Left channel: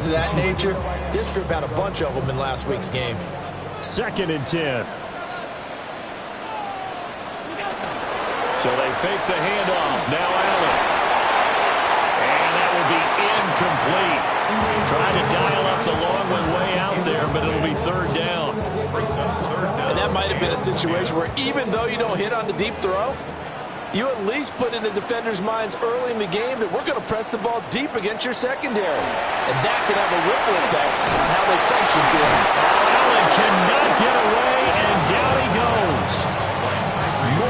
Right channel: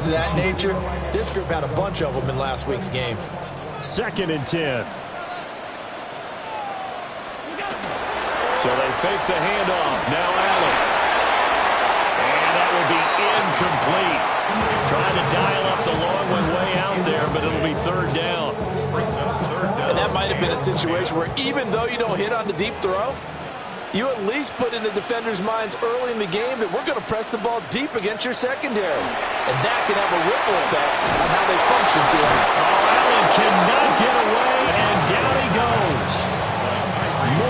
things of that nature. This group had a bunch of them in last week's game. 2nd and 10. So they fake the handoff. Now Allen. And that will be incomplete. Trying to dial up the long one way out there, but it'll be 3rd down. And that might have been a situation where even though you don't hit on the deep throw, you at least put in the defenders' minds early in the game that we're going to press the ball deep against your secondary. And that can have a ripple effect on how they function through it. Oh, Allen cannot get away, and down he goes.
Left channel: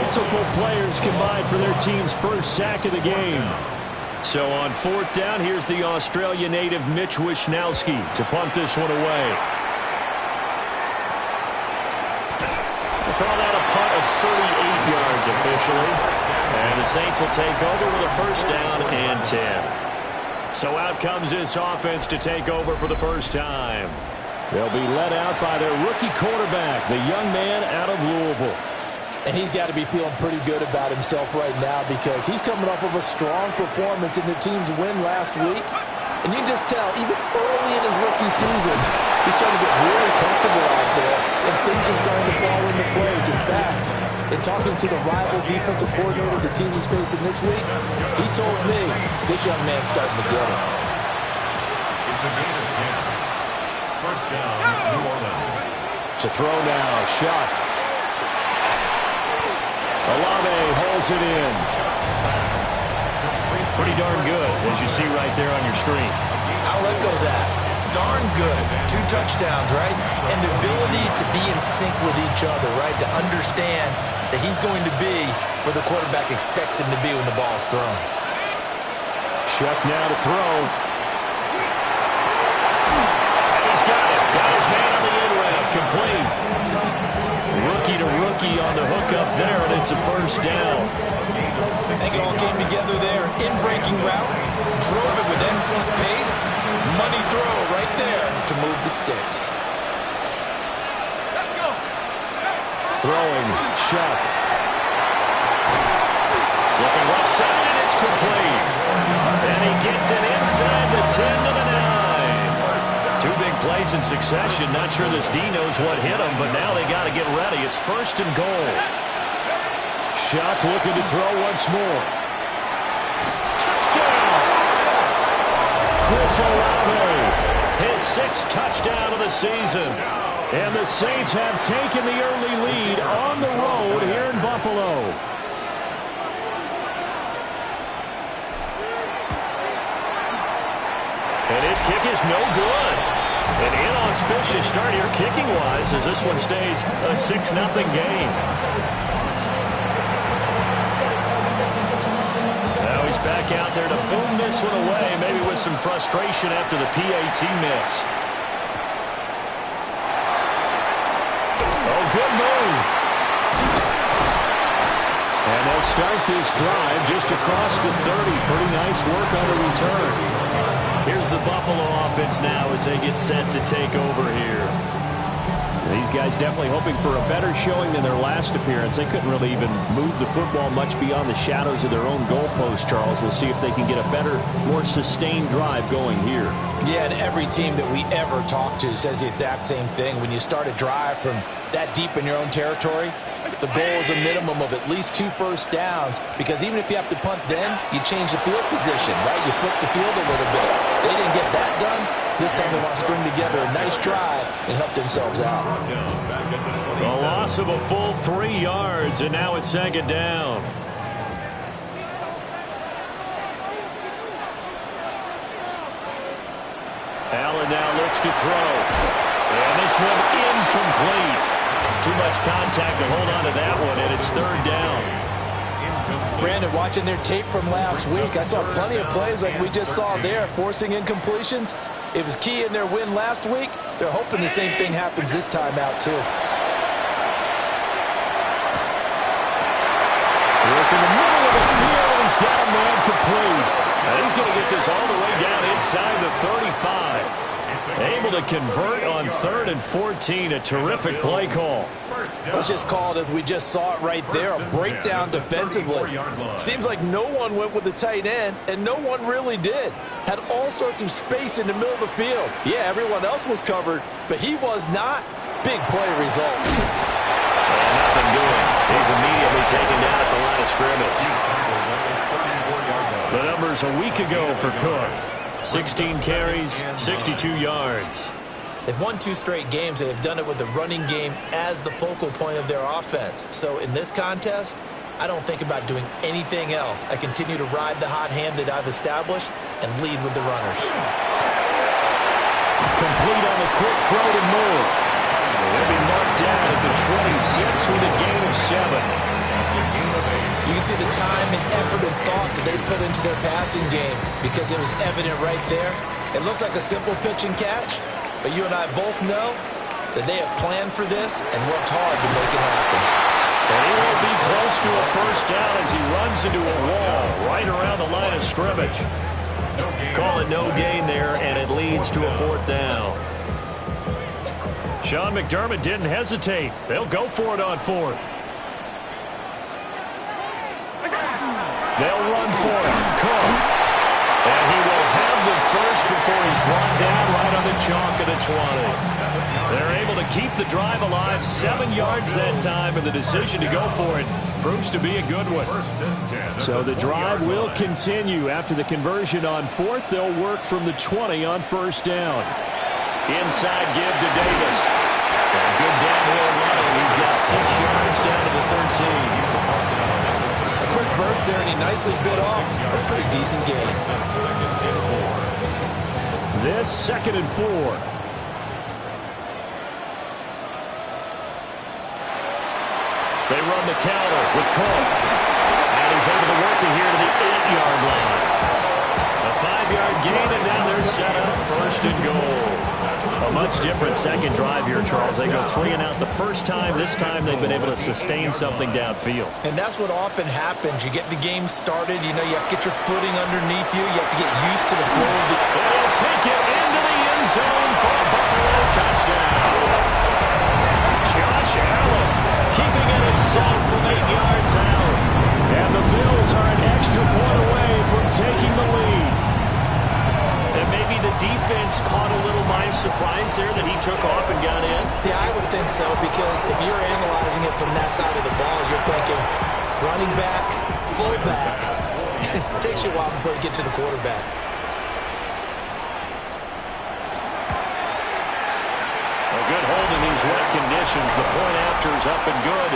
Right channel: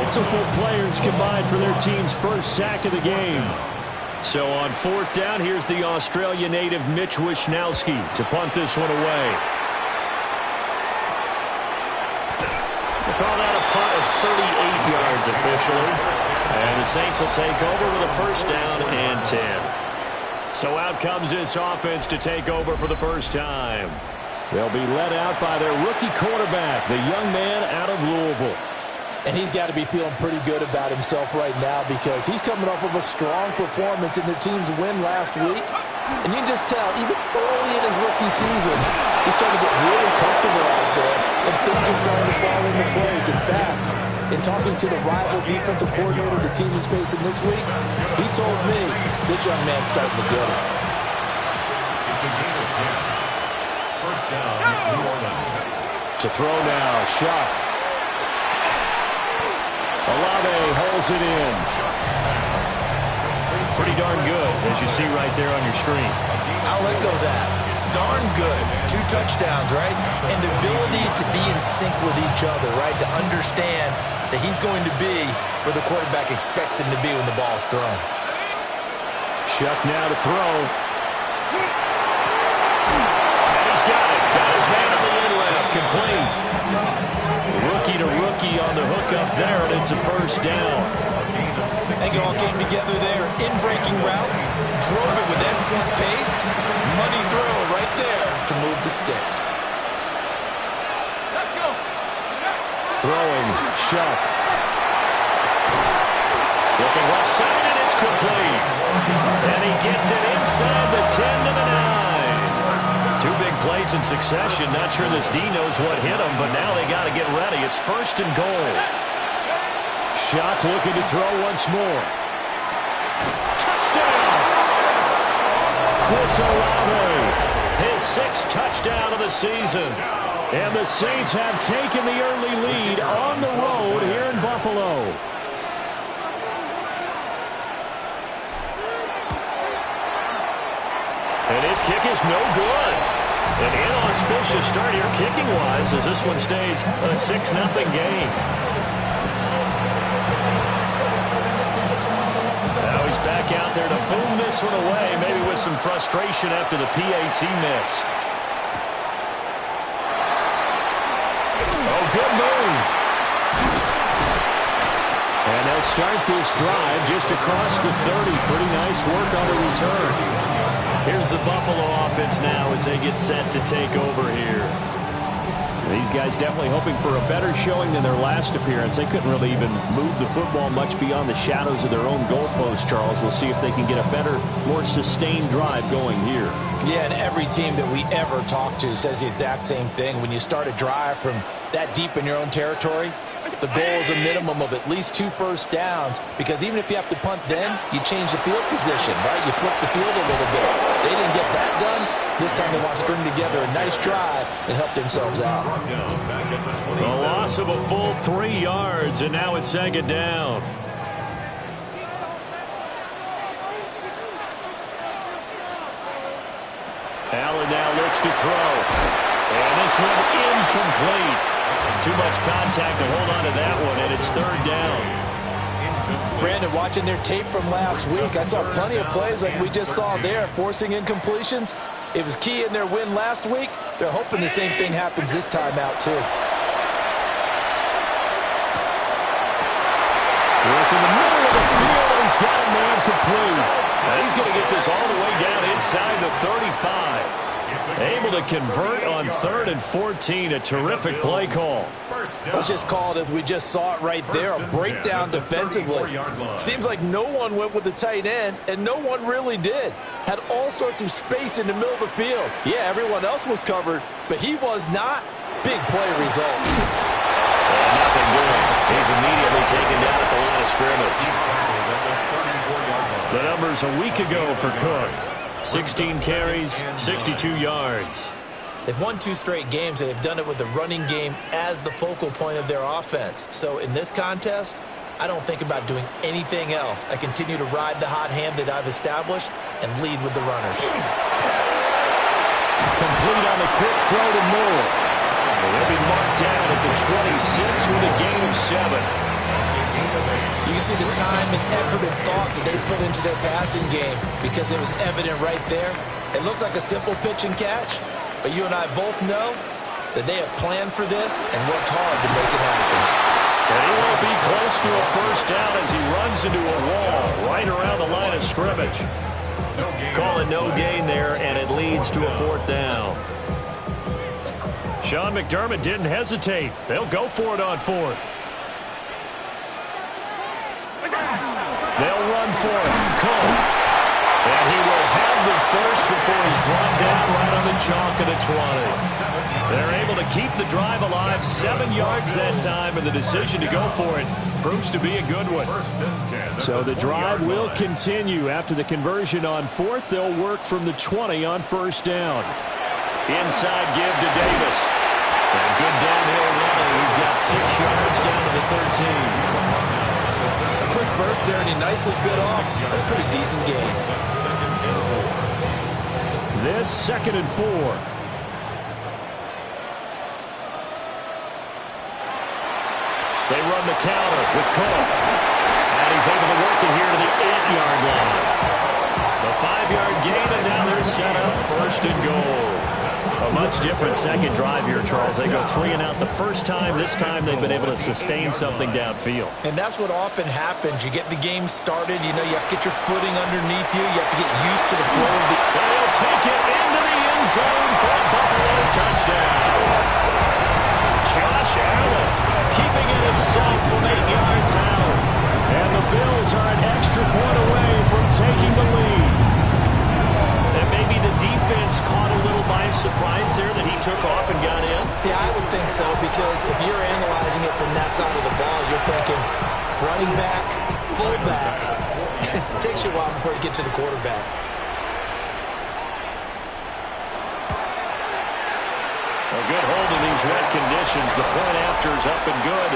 Multiple players combined for their team's first sack of the game. So on 4th down, here's the Australia native Mitch Wishnowsky to punt this one away. We'll call that a punt of 38 yards officially. And the Saints will take over with a 1st down and 10. So out comes this offense to take over for the first time. They'll be led out by their rookie quarterback, the young man out of Louisville. And he's got to be feeling pretty good about himself right now because he's coming off of a strong performance in the team's win last week. And you can just tell, even early in his rookie season, he's starting to get really comfortable out there, and things are starting to fall into place. In fact, in talking to the rival defensive coordinator the team is facing this week, he told me this young man's starting to get it. It's a gain of 10. 1st down, New Orleans. To throw now, Shuck. Olave holds it in. Pretty darn good, as you see right there on your screen. I'll echo that. Darn good. 2 touchdowns, right? And the ability to be in sync with each other, right? To understand that he's going to be where the quarterback expects him to be when the ball's thrown. Shuck now to throw. And he's got it. Got his man on the inlet. Complete. Rookie to rookie on the hook up there, and it's a 1st down. I think it all came together there. In-breaking route. Drove it with excellent pace. Money throw right there to move the sticks. Let's go. Throwing, Shuck. Looking left side, and it's complete. And he gets it inside the 10 to the 9. 2 big plays in succession. Not sure this D knows what hit him, but now they got to get ready. It's 1st and goal. Shuck looking to throw once more. Touchdown! Chris Olave. His 6th touchdown of the season. And the Saints have taken the early lead on the road here in Buffalo. And his kick is no good. An inauspicious start here kicking-wise as this one stays a 6-0 game. Now he's back out there to boom this one away, maybe with some frustration after the PAT miss. Oh, good move. And they'll start this drive just across the 30. Pretty nice work on the return. Here's the Buffalo offense now as they get set to take over here. These guys definitely hoping for a better showing than their last appearance. They couldn't really even move the football much beyond the shadows of their own goalpost, Charles. We'll see if they can get a better, more sustained drive going here. Yeah, and every team that we ever talk to says the exact same thing. When you start a drive from that deep in your own territory, the goal is a minimum of at least 2 first downs, because even if you have to punt then, you change the field position, right? You flip the field a little bit. They didn't get that done. This time they want to string together a nice drive and help themselves out. A loss of a full 3 yards, and now it's 2nd down. Allen now looks to throw. And this one incomplete. Too much contact to hold on to that one, and it's 3rd down. Brandon, watching their tape from last week, I saw plenty of plays like we just saw there, forcing incompletions. It was key in their win last week. They're hoping the same thing happens this time out, too. Work in the middle of the field, and he's got a man complete. He's going to get this all the way down inside the 35. Able to convert on 3rd and 14. A terrific play call. Let's just call it as we just saw it right there. A breakdown defensively. Seems like no one went with the tight end, and no one really did. Had all sorts of space in the middle of the field. Yeah, everyone else was covered, but he was not. Big play results. And nothing doing. He's immediately taken down at the line of scrimmage. The numbers a week ago for Cook. 16 carries, 62 yards. They've won 2 straight games, and they've done it with the running game as the focal point of their offense. So in this contest, I don't think about doing anything else. I continue to ride the hot hand that I've established and lead with the runners. Complete on the quick throw to Moore. They'll be marked down at the 26 with a gain of 7. You can see the time and effort and thought that they put into their passing game because it was evident right there. It looks like a simple pitch and catch, but you and I both know that they have planned for this and worked hard to make it happen. And he will be close to a first down as he runs into a wall right around the line of scrimmage. Call it no gain there, and it leads to a 4th down. Sean McDermott didn't hesitate. They'll go for it on 4th. They'll run for it. Cook. And he will have the first before he's brought down right on the chalk of the 20. They're able to keep the drive alive. 7 yards that time, and the decision to go for it proves to be a good one. So the drive will continue. After the conversion on 4th, they'll work from the 20 on 1st down. Inside give to Davis. And good downhill running. He's got 6 yards down to the 13. A quick burst there, and he nicely bit off a pretty decent gain. This 2nd and 4. They run the counter with Cook. And he's able to work it here to the 8-yard line. A 5-yard gain, and now they're set up 1st and goal. A much different second drive here, Charles. They go 3 and out the first time. This time they've been able to sustain something downfield. And that's what often happens. You get the game started. You know, you have to get your footing underneath you. You have to get used to the flow of the... And he'll take it into the end zone for a Buffalo touchdown. Josh Allen keeping it himself from 8 yards out. And the Bills are an extra point away from taking the lead. And maybe the defense caught a little by surprise there that he took off and got in? Yeah, I would think so, because if you're analyzing it from that side of the ball, you're thinking running back, fullback. It takes you a while before you get to the quarterback. A good hold in these wet conditions. The point after is up and good.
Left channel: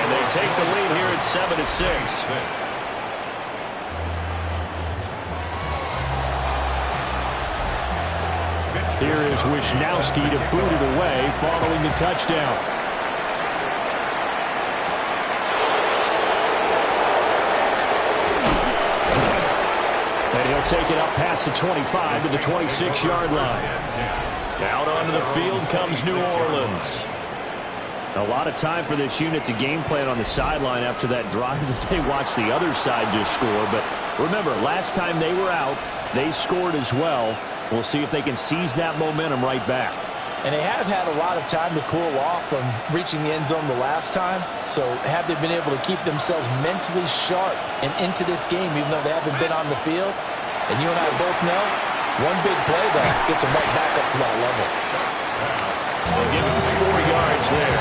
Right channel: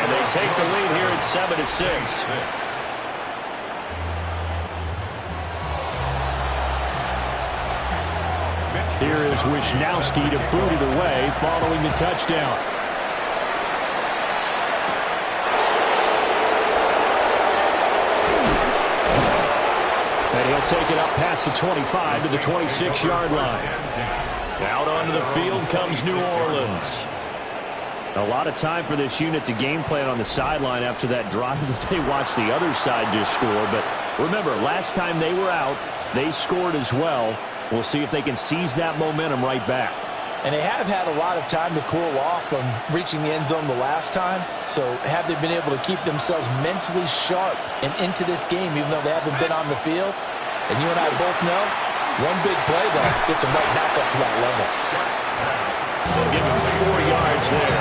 And they take the lead here at 7-6. Here is Wisnowski to boot it away following the touchdown. And he'll take it up past the 25 to the 26-yard line. Out onto the field comes New Orleans. A lot of time for this unit to game plan on the sideline after that drive that they watched the other side just score. But remember, last time they were out, they scored as well. We'll see if they can seize that momentum right back. And they have had a lot of time to cool off from reaching the end zone the last time. So have they been able to keep themselves mentally sharp and into this game, even though they haven't been on the field? And you and I both know, one big play, though, gets them right back up to that level. They'll give him 4 yards there,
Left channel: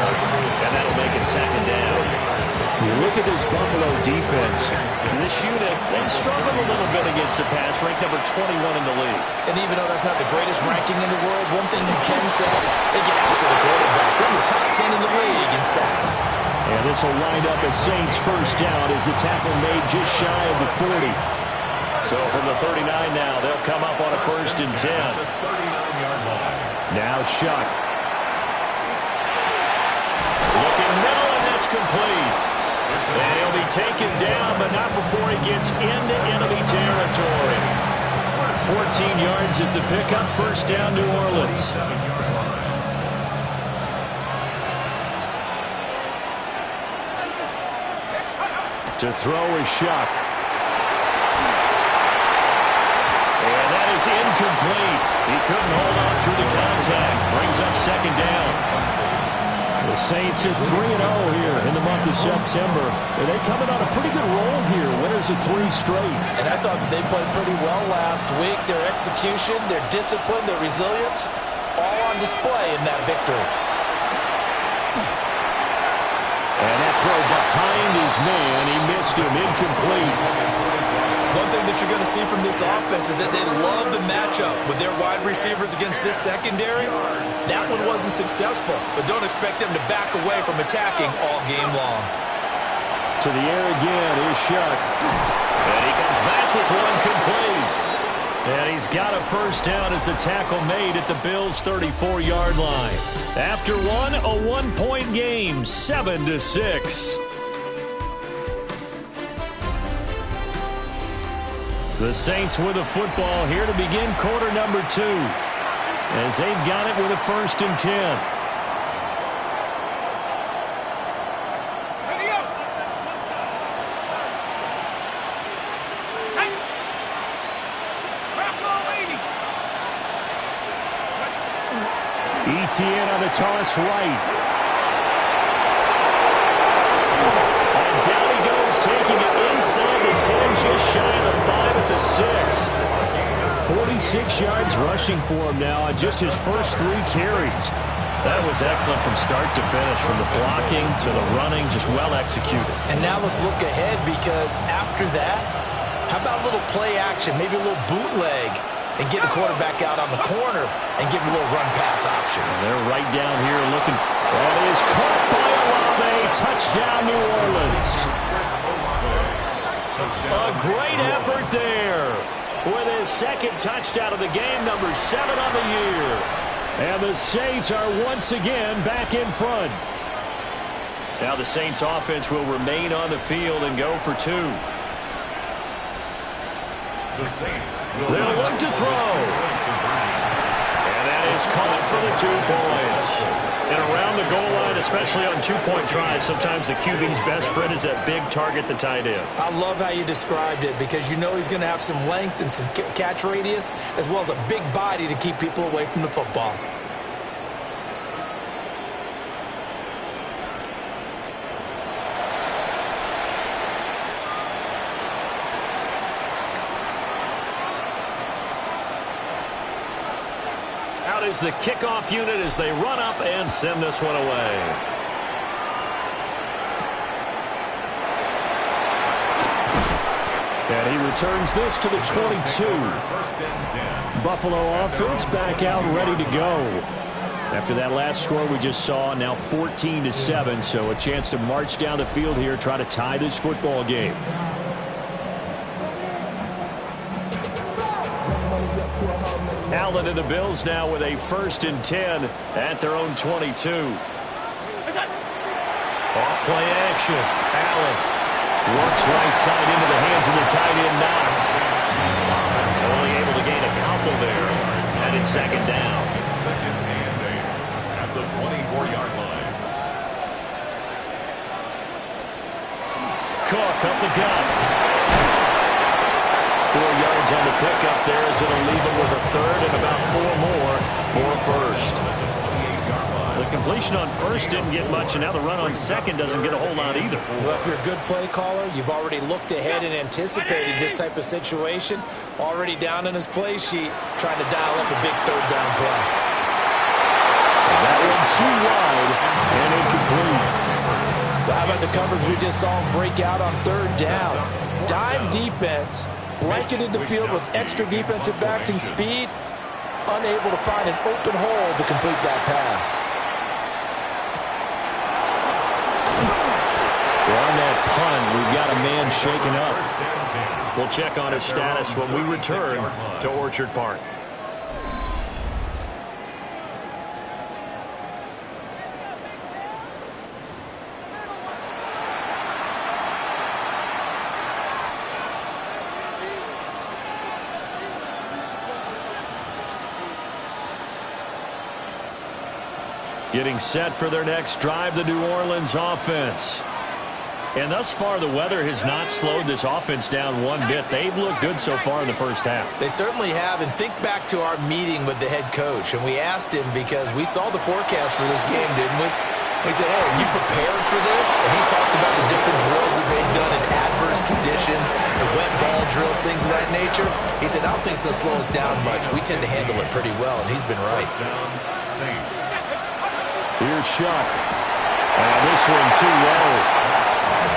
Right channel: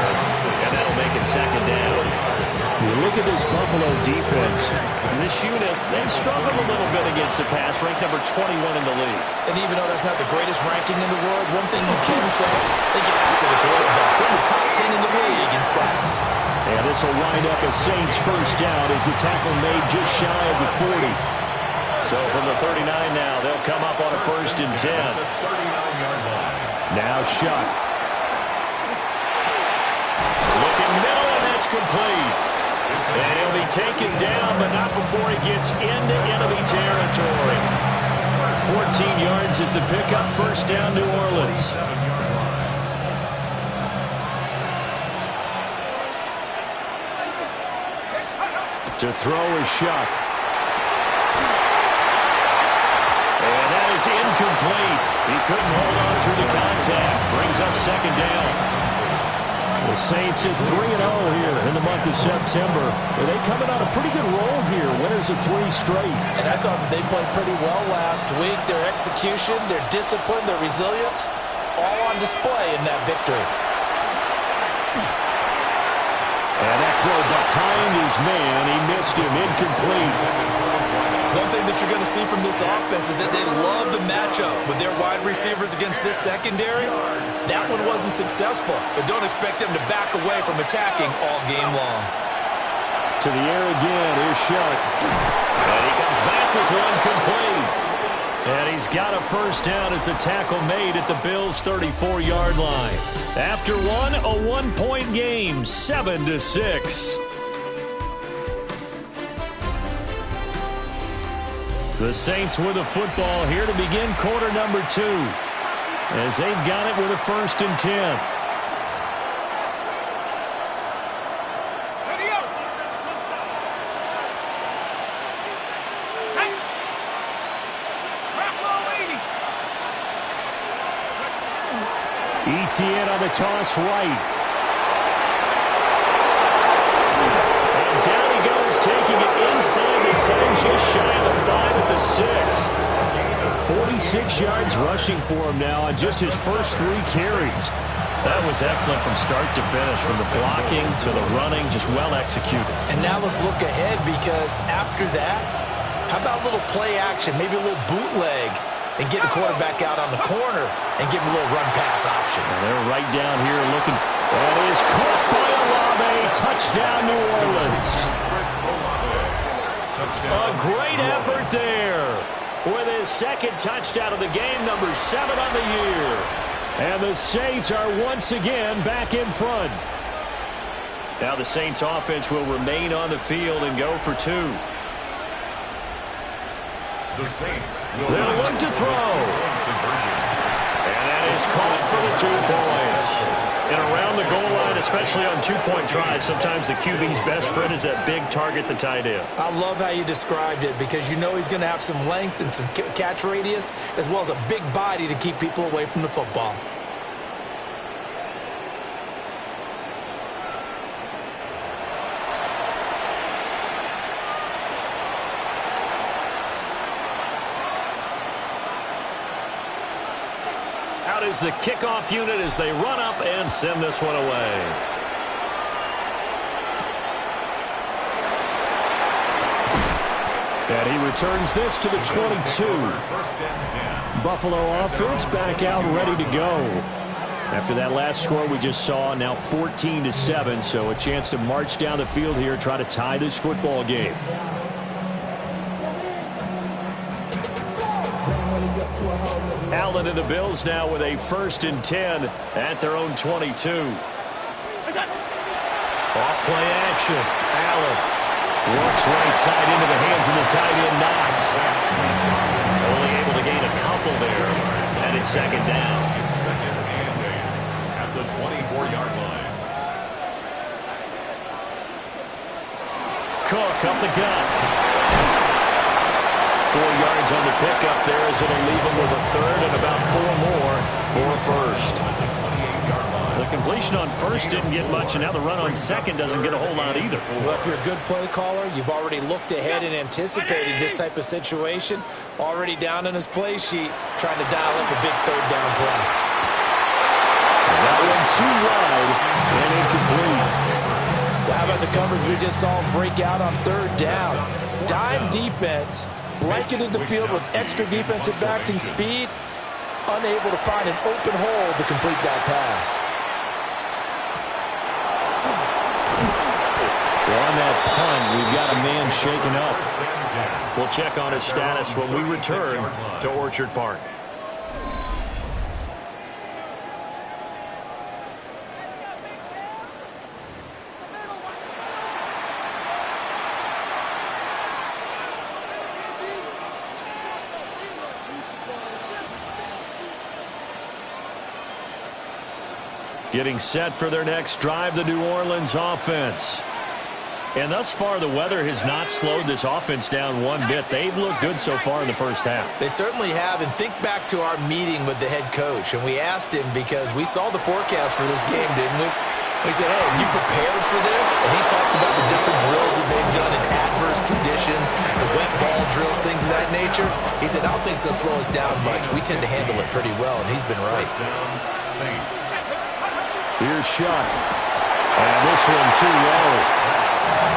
and that'll make it 2nd down. You look at this Buffalo defense. This unit, they've struggled a little bit against the pass, ranked number 21 in the league. And even though that's not the greatest ranking in the world, one thing you can say, they get after the quarterback. They're in the top 10 in the league in sacks. And this will wind up as Saints 1st down as the tackle made just shy of the 40. So from the 39 now, they'll come up on a 1st and 10. Now Shuck. Looking middle, and that's complete. And he'll be taken down, but not before he gets into enemy territory. 14 yards is the pickup. 1st down, New Orleans. To throw is Shuck. And that is incomplete. He couldn't hold on through the contact. Brings up second down. The Saints at 3-0 here in the month of September. They coming on a pretty good roll here. Winners of 3 straight. And I thought that they played pretty well last week. Their execution, their discipline, their resilience, all on display in that victory. And that throw behind his man, he missed him, incomplete. One thing that you're going to see from this offense is that they love the matchup with their wide receivers against this secondary. That one wasn't successful, but don't expect them to back away from attacking all game long. To the air again, here's Shuck. And he comes back with one complete. And he's got a first down as a tackle made at the Bills' 34-yard line. After one, a 1-point game, 7-6. The Saints with a football here to begin quarter number 2, as they've got it with a 1st and 10. ETN on the toss right. And down he goes, taking it inside the 10, just shy of the 5 at the 6. 46 yards rushing for him now on just his first 3 carries. That was excellent from start to finish, from the blocking to the running, just well executed. And now let's look ahead, because after that, how about a little play action, maybe a little bootleg, and get the quarterback out on the corner and give him a little run-pass option. And they're right down here looking. That is caught by Olave. Touchdown, New Orleans. A great effort there with his 2nd touchdown of the game, number 7 on the year. And the Saints are once again back in front. Now the Saints offense will remain on the field and go for 2. The Saints they'll look to throw. And that is caught for the 2 points. And around the goal line, especially on 2-point tries, sometimes the QB's best friend is that big target, the tight end. I love how you described it, because you know he's going to have some length and some catch radius, as well as a big body to keep people away from the football. Out is the kickoff unit as they run up and send this one away. And he returns this to the 22. Buffalo offense back out ready to go. After that last score we just saw, now 14-7, so a chance to march down the field here, try to tie this football game. Allen and the Bills now with a 1st and 10 at their own 22. Off play action. Allen works right side into the hands of the tight end, Knox. Only able to gain a couple there. And it's 2nd down. It's 2nd and 8 at the 24-yard line. Cook up the gut. 4 yards on the pickup there, as it'll leave him with a 3rd and about 4 more for a 1st. The completion on 1st didn't get much, and now the run on 2nd doesn't get a whole lot either. Well, if you're a good play caller, you've already looked ahead and anticipated this type of situation. Already down in his play sheet, trying to dial up a big 3rd down play. That one too wide and incomplete. Well, how about the coverage we just saw him break out on 3rd down? Dime defense, blanketed the field with extra defensive backs and speed, unable to find an open hole to complete that pass. Well, on that punt, we've got a man shaken up. We'll check on his status when we return to Orchard Park. Getting set for their next drive, the New Orleans offense. And thus far, the weather has not slowed this offense down one bit. They've looked good so far in the first half. They certainly have. And think back to our meeting with the head coach. And we asked him because we saw the forecast for this game, didn't we? We said, hey, have you prepared for this? And he talked about the different drills that they've done in adverse conditions, the wet ball drills, things of that nature. He said, I don't think it's going to slow us down much. We tend to handle it pretty well, and he's been right. First down, Saints. Here's Shuck. And this one too low.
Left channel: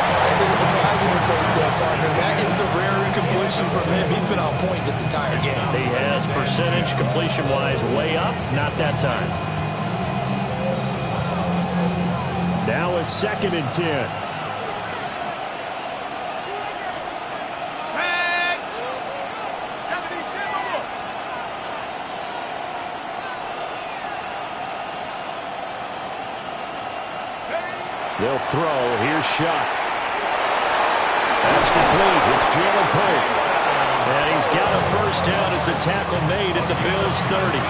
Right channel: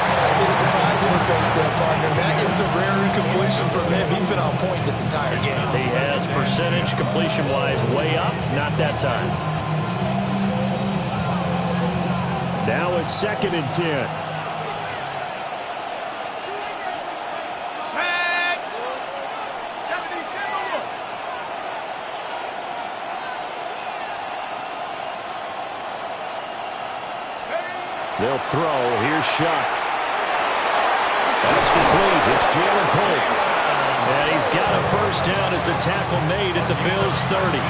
I see the surprise in your face there, partner. That is a rare incompletion from him. He's been on point this entire game. He has percentage completion-wise way up. Not that time. Now a 2nd and 10. They'll throw. Here's Shuck. That's complete. It's Jalen Pope. And he's got a first down as a tackle made at the Bills' 30.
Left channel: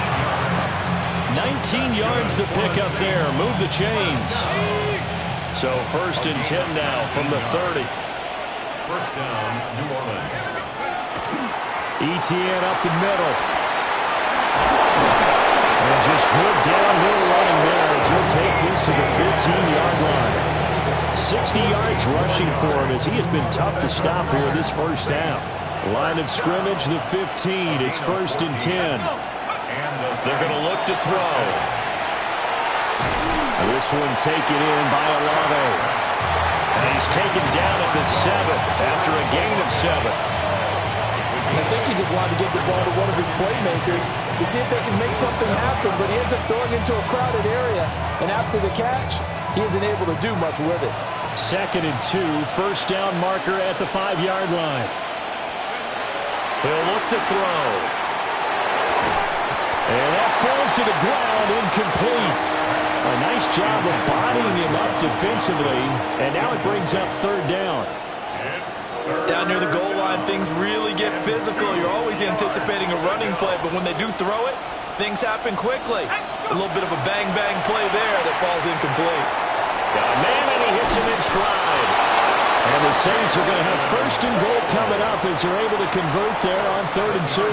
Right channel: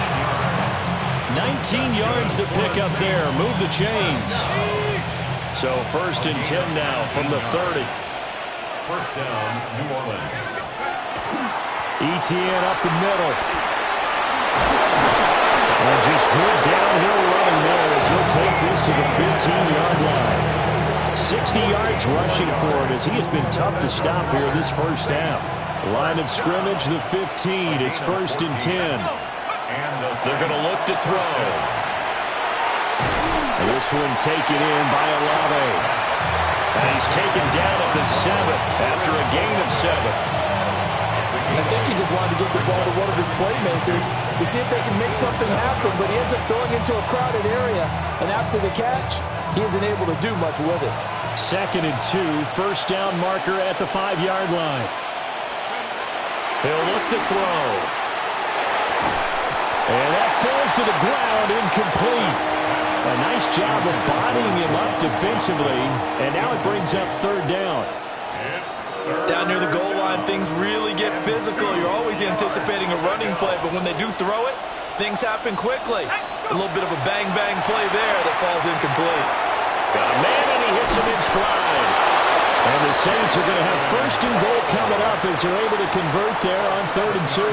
19 yards to pick up there. Move the chains. So 1st and 10 now from the 30. First down, New Orleans. ETN up the middle. And just good downhill running there as he'll take this to the 15-yard line. 60 yards rushing for him as he has been tough to stop here this first half. Line of scrimmage, the 15. It's 1st and 10. They're going to look to throw. This one taken in by Olave. And he's taken down at the 7 after a gain of 7. I think he just wanted to give the ball to one of his playmakers to see if they can make something happen, but he ends up throwing into a crowded area, and after the catch, he isn't able to do much with it. 2nd and 2, first down marker at the 5-yard line. He'll look to throw. And that falls to the ground, incomplete. A nice job of bodying him up defensively, and now it brings up 3rd down. Down near the goal line, things really get physical. You're always anticipating a running play, but when they do throw it, things happen quickly. A little bit of a bang-bang play there that falls incomplete. Got a man, and he hits him in stride. And the Saints are going to have 1st and goal coming up as they're able to convert there on 3rd and 2.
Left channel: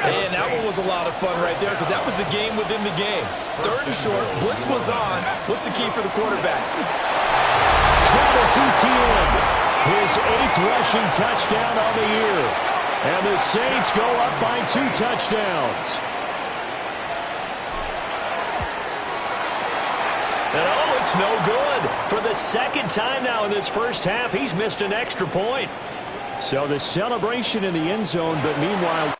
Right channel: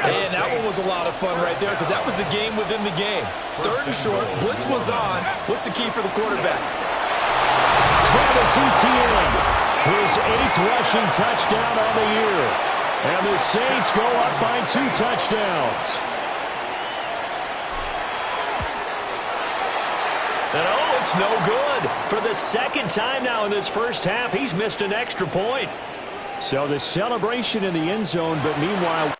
And that one was a lot of fun right there because that was the game within the game. 3rd and short, blitz was on. What's the key for the quarterback? Travis Etienne, his 8th rushing touchdown on the year. And the Saints go up by 2 touchdowns. And oh, it's no good. For the 2nd time now in this first half, he's missed an extra point. So the celebration in the end zone, but meanwhile...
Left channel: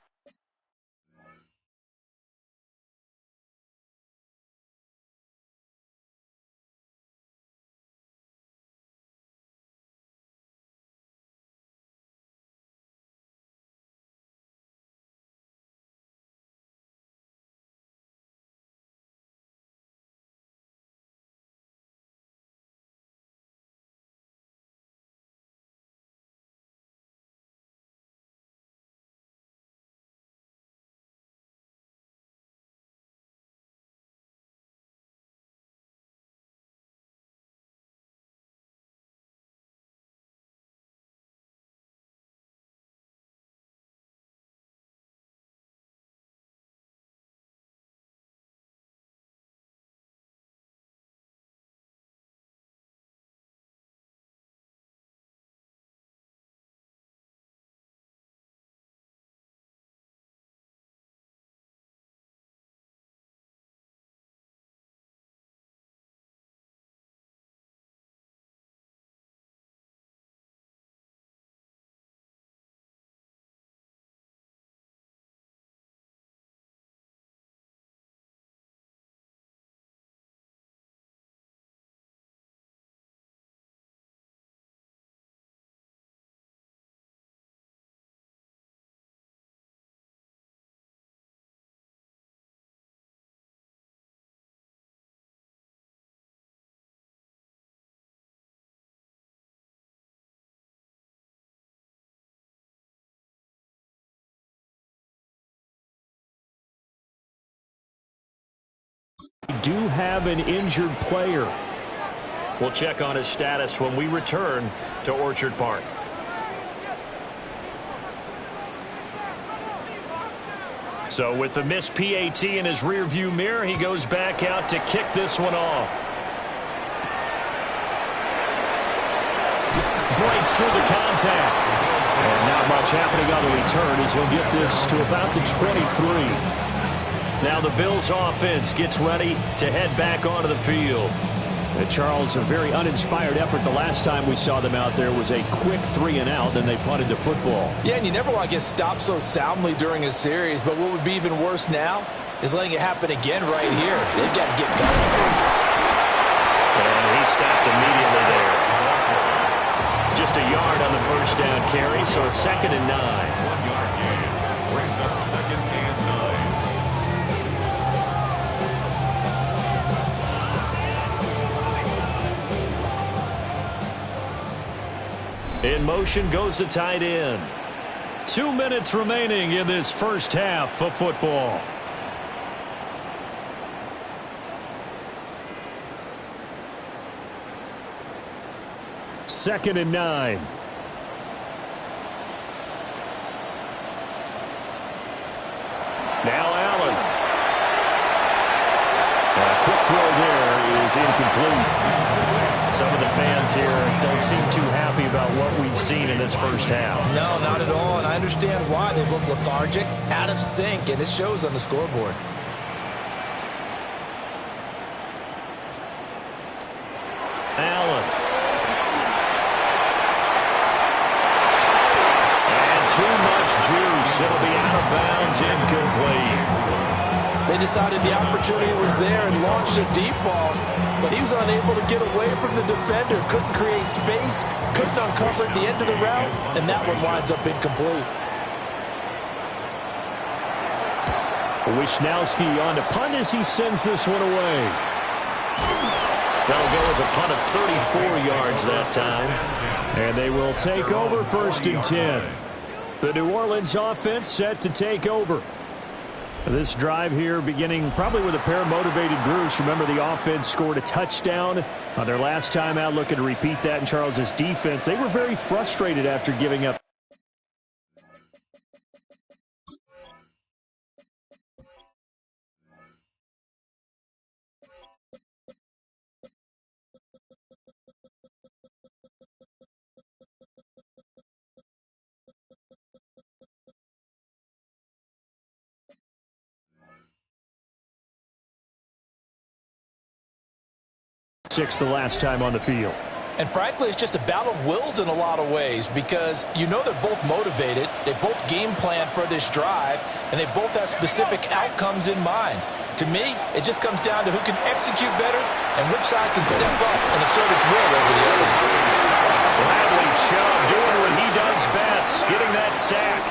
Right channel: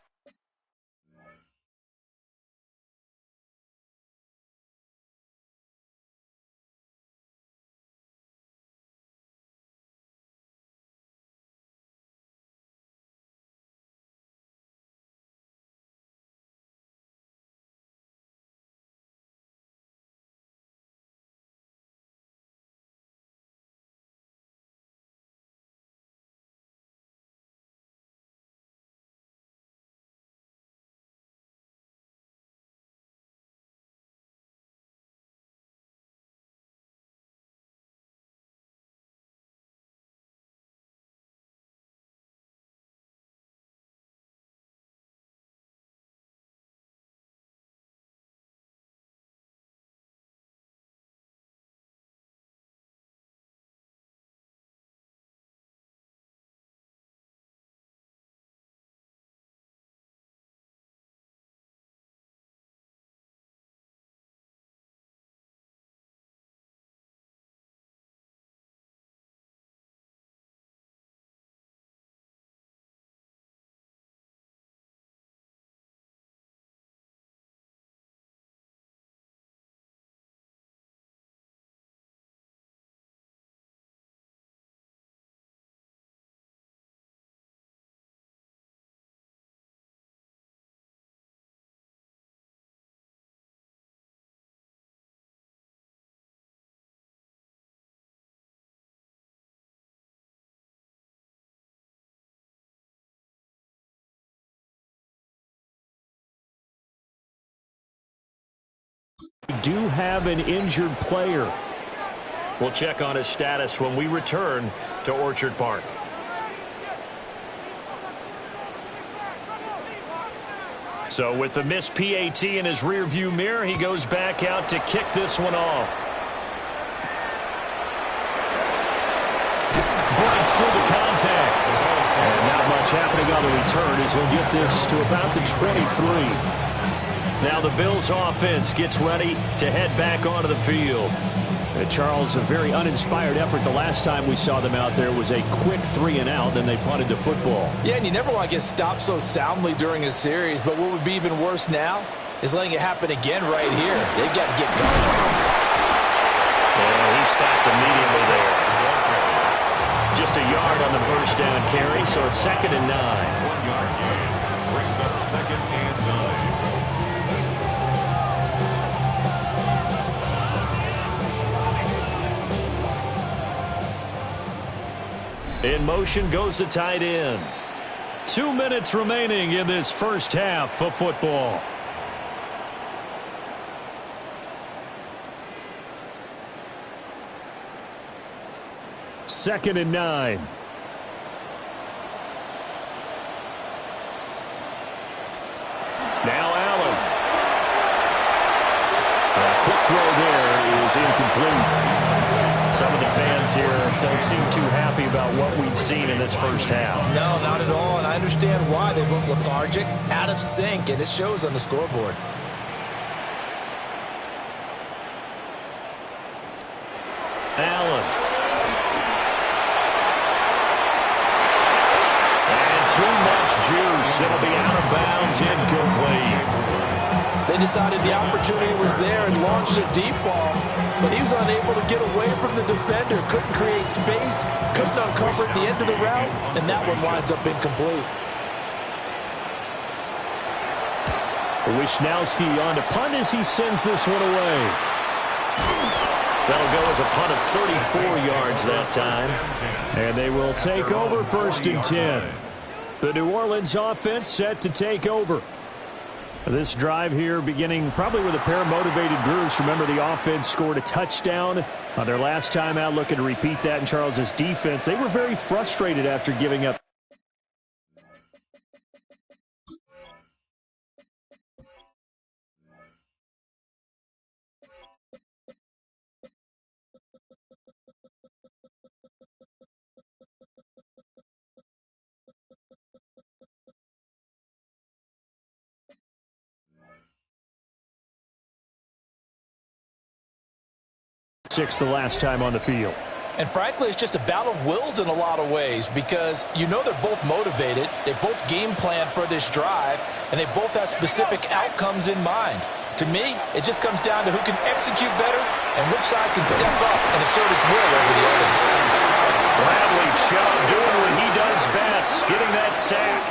We do have an injured player. We'll check on his status when we return to Orchard Park. So with the missed PAT in his rearview mirror, he goes back out to kick this one off. Breaks through the contact. And not much happening on the return as he'll get this to about the 23. Now the Bills offense gets ready to head back onto the field. Charles, a very uninspired effort. The last time we saw them out there was a quick 3-and-out, then they punted the football. Yeah, and you never want to get stopped so soundly during a series, but what would be even worse now is letting it happen again right here. They've got to get going. And he stopped immediately there. Just a yard on the first down carry, so it's 2nd and 9. 1-yard gain brings up 2nd and 9. In motion goes the tight end. 2 minutes remaining in this first half of football. Second and 9. Now Allen. A quick throw there is incomplete. Some of the fans here don't seem too happy about what we've seen in this first half. No, not at all, and I understand why. They look lethargic, out of sync, and it shows on the scoreboard. Allen. And too much juice. It'll be out of bounds, incomplete. They decided the opportunity was there and launched a deep ball, but he was unable to get away from the defender, couldn't create space, couldn't uncover at the end of the route, and that one winds up incomplete. Wisnowski on to punt as he sends this one away. That'll go as a punt of 34 yards that time. And they will take over 1st and 10. The New Orleans offense set to take over. This drive here beginning probably with a pair of motivated groups. Remember, the offense scored a touchdown on their last time out, looking to repeat that in Charles's defense. They were very frustrated after giving up. The last time on the field. And frankly, it's just a battle of wills in a lot of ways because you know they're both motivated, they both game plan for this drive, and they both have specific outcomes in mind. To me, it just comes down to who can execute better and which side can step up and assert its will over the other. Bradley Chubb doing what he does best, getting that sack.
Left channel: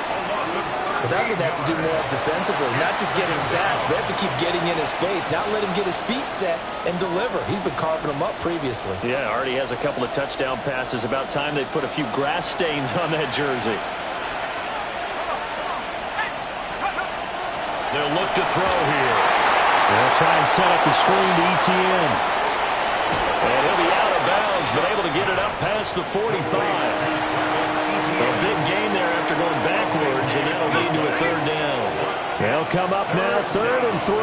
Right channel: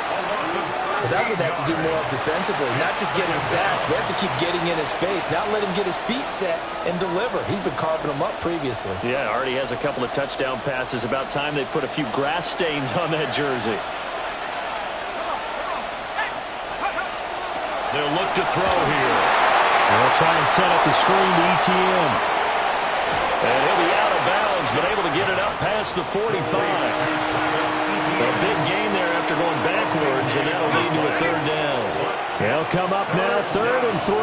But that's what they have to do more of defensively, not just getting sacks, but they have to keep getting in his face, not let him get his feet set and deliver. He's been carving them up previously. Yeah, already has a couple of touchdown passes. About time they put a few grass stains on that jersey. They'll look to throw here. They'll try and set up the screen to ETN. And he'll be out of bounds, but able to get it up past the 45. A big gain there after going backwards, and that'll lead to a 3rd down. They'll come up now, 3rd and 3.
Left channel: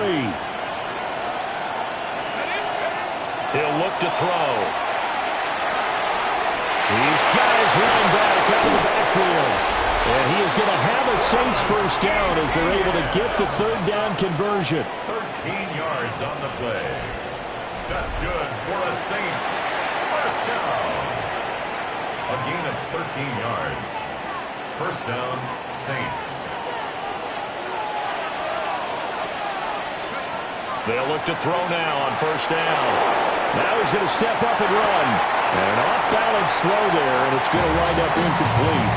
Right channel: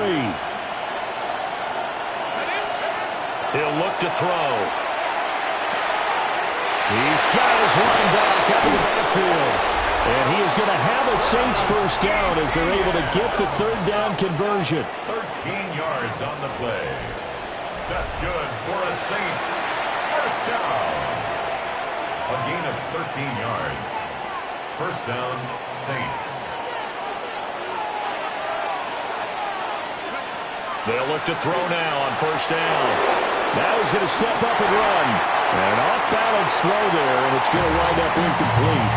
He'll look to throw. He's got his running back out of the backfield. And he is going to have a Saints first down as they're able to get the 3rd down conversion. 13 yards on the play. That's good for a Saints first down. A gain of 13 yards. First down, Saints. They'll look to throw now on 1st down. Now he's going to step up and run. And an off-balance throw there, and it's going to wind up incomplete.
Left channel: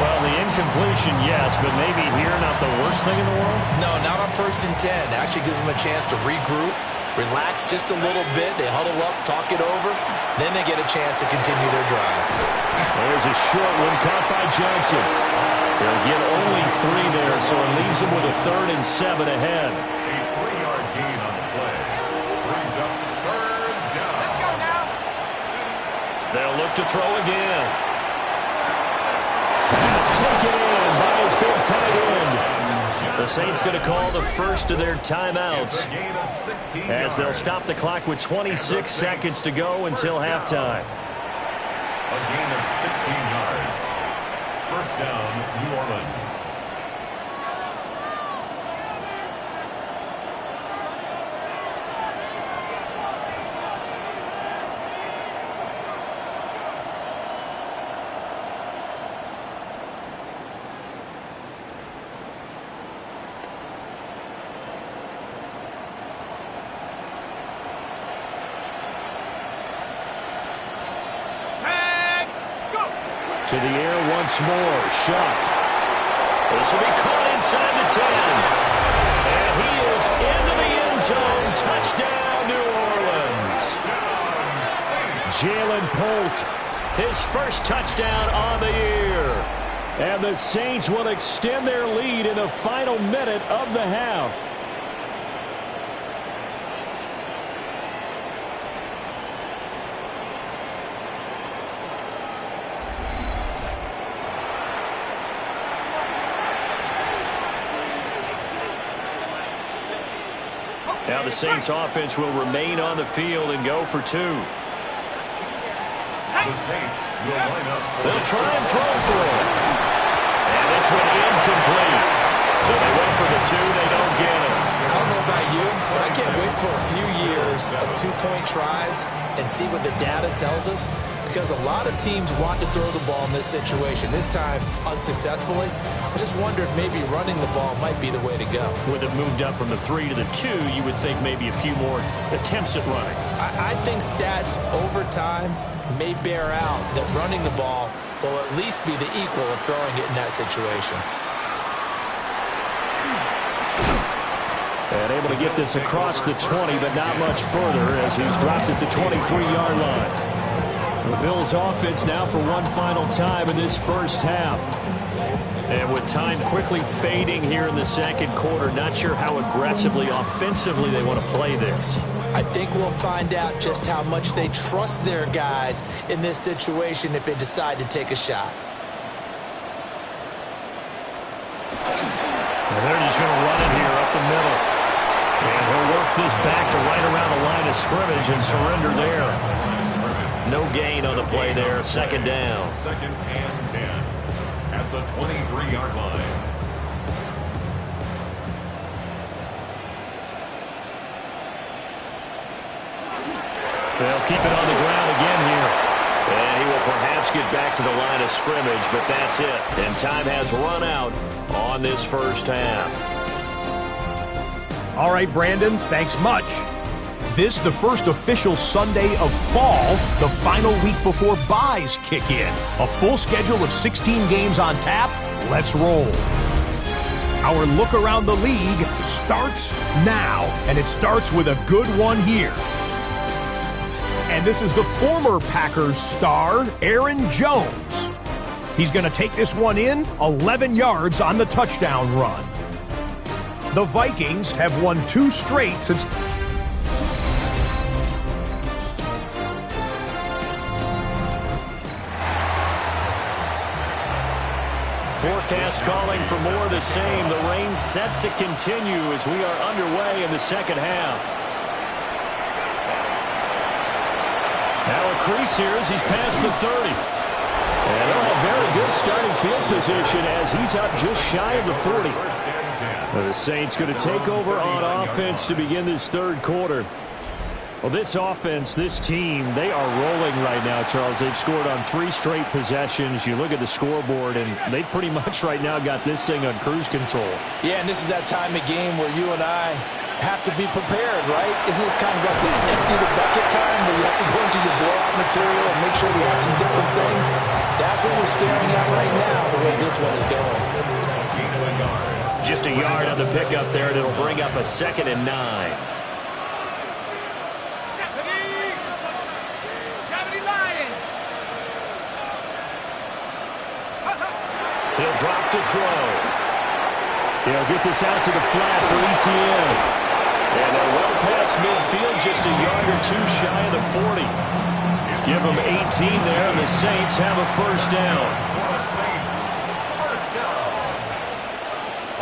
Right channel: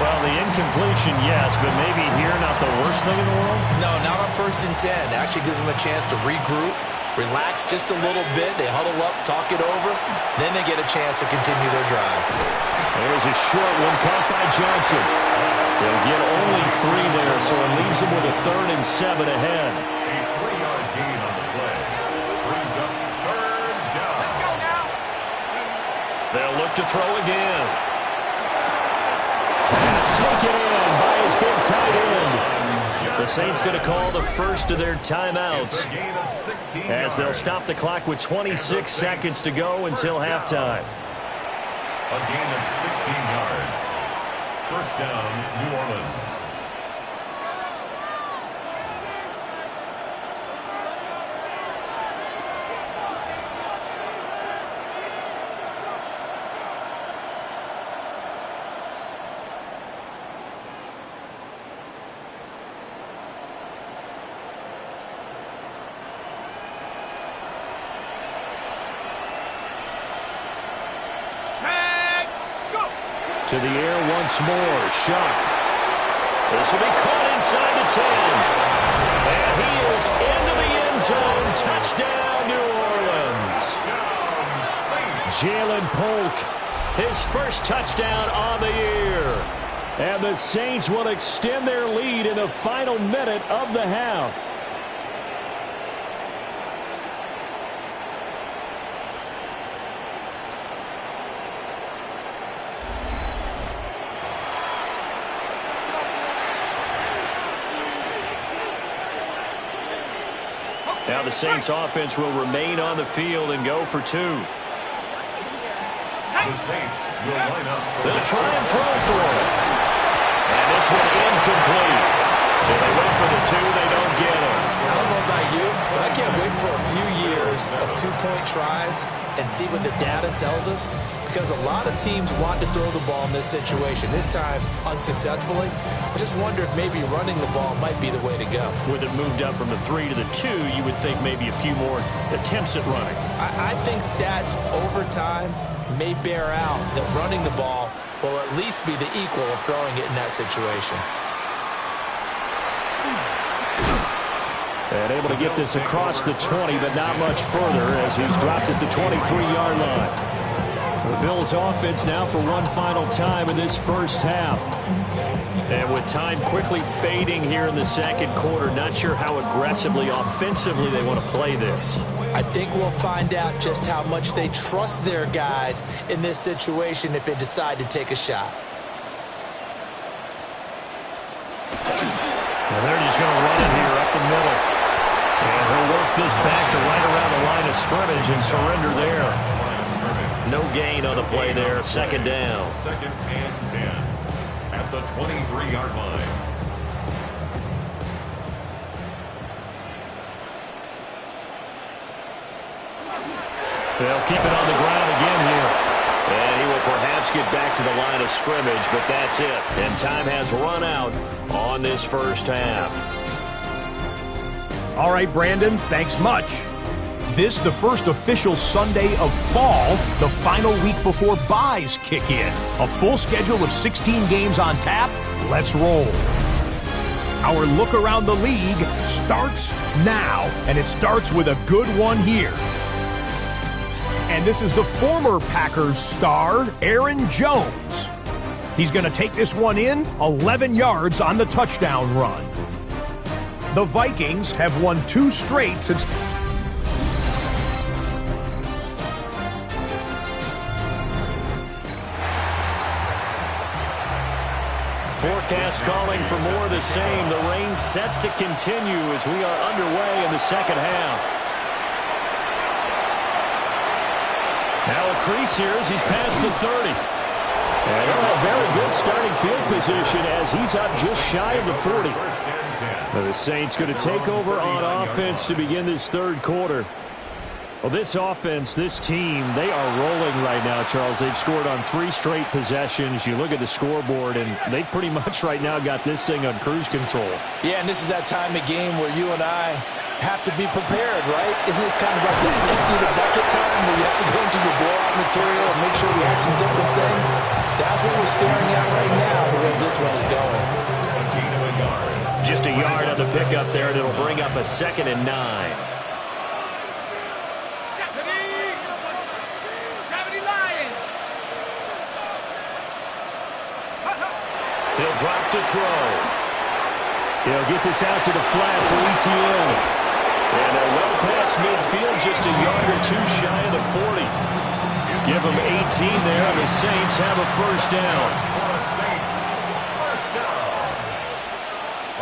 Well, the incompletion, yes, but maybe here not the worst thing in the world? No, not on 1st and 10. Actually gives them a chance to regroup, relax just a little bit. They huddle up, talk it over. Then they get a chance to continue their drive. There's a short one caught by Johnson. They'll get only 3 there, so it leaves them with a 3rd and 7 ahead. A 3-yard gain on the play. Brings up 3rd down. Let's go now. They'll look to throw again. Pass taken in by his big tight end. The Saints going to call the first of their timeouts as they'll stop the clock with 26 seconds to go until halftime. A gain of 16 yards. First down, New Orleans. To the air once more. Shuck. This will be caught inside the 10. And he is into the end zone. Touchdown, New Orleans. Jalen Polk, his first touchdown on the year. And the Saints will extend their lead in the final minute of the half. Now the Saints offense will remain on the field and go for two. The Saints will line up. They'll try and throw for it. And this one incomplete. So they wait for the two, they don't get it. I don't know about you, but I can't wait for a few years of two-point tries and see what the data tells us, because a lot of teams want to throw the ball in this situation, this time unsuccessfully. I just wonder if maybe running the ball might be the way to go. With it moved up from the 3 to the 2, you would think maybe a few more attempts at running. I think stats over time may bear out that running the ball will at least be the equal of throwing it in that situation. And able to get this across the 20, but not much further as he's dropped at the 23-yard line. The Bills offense now for one final time in this first half. And with time quickly fading here in the second quarter, not sure how aggressively, offensively they want to play this. I think we'll find out just how much they trust their guys in this situation if they decide to take a shot. And they're just going to run it here up the middle. And he'll work this back to right around the line of scrimmage and surrender there. No gain on the play there. Second down. Second and 10 at the 23-yard line. They'll keep it on the ground again here. And he will perhaps get back to the line of scrimmage, but that's it. And time has run out on this first half. All right, Brandon, thanks much. This, the first official Sunday of fall, the final week before byes kick in. A full schedule of 16 games on tap. Let's roll. Our look around the league starts now, and it starts with a good one here. And this is the former Packers star, Aaron Jones. He's going to take this one in, 11 yards on the touchdown run. The Vikings have won 2 straight since... Forecast calling for more of the same. The rain set to continue as we are underway in the second half. Now a crease here as he's past the 30. And he'll have very good starting field position as he's up just shy of the 40. The Saints going to take over on offense to begin this third quarter. Well, this offense, this team, they are rolling right now, Charles. They've scored on 3 straight possessions. You look at the scoreboard, and they pretty much right now got this thing on cruise control. Yeah, and this is that time of game where you and I have to be prepared, right? Isn't this kind of like the empty the bucket time where you have to go into your blowout material and make sure we have some different things? That's what we're staring at right now, the way this one is going. Just a yard on the pickup there, and it'll bring up a 2nd and 9. He'll drop to throw. He'll get this out to the flat for ETN. And they're well past midfield, just a yard or two shy of the 40. Give them 18 there, and the Saints have a first down. For the Saints, first down.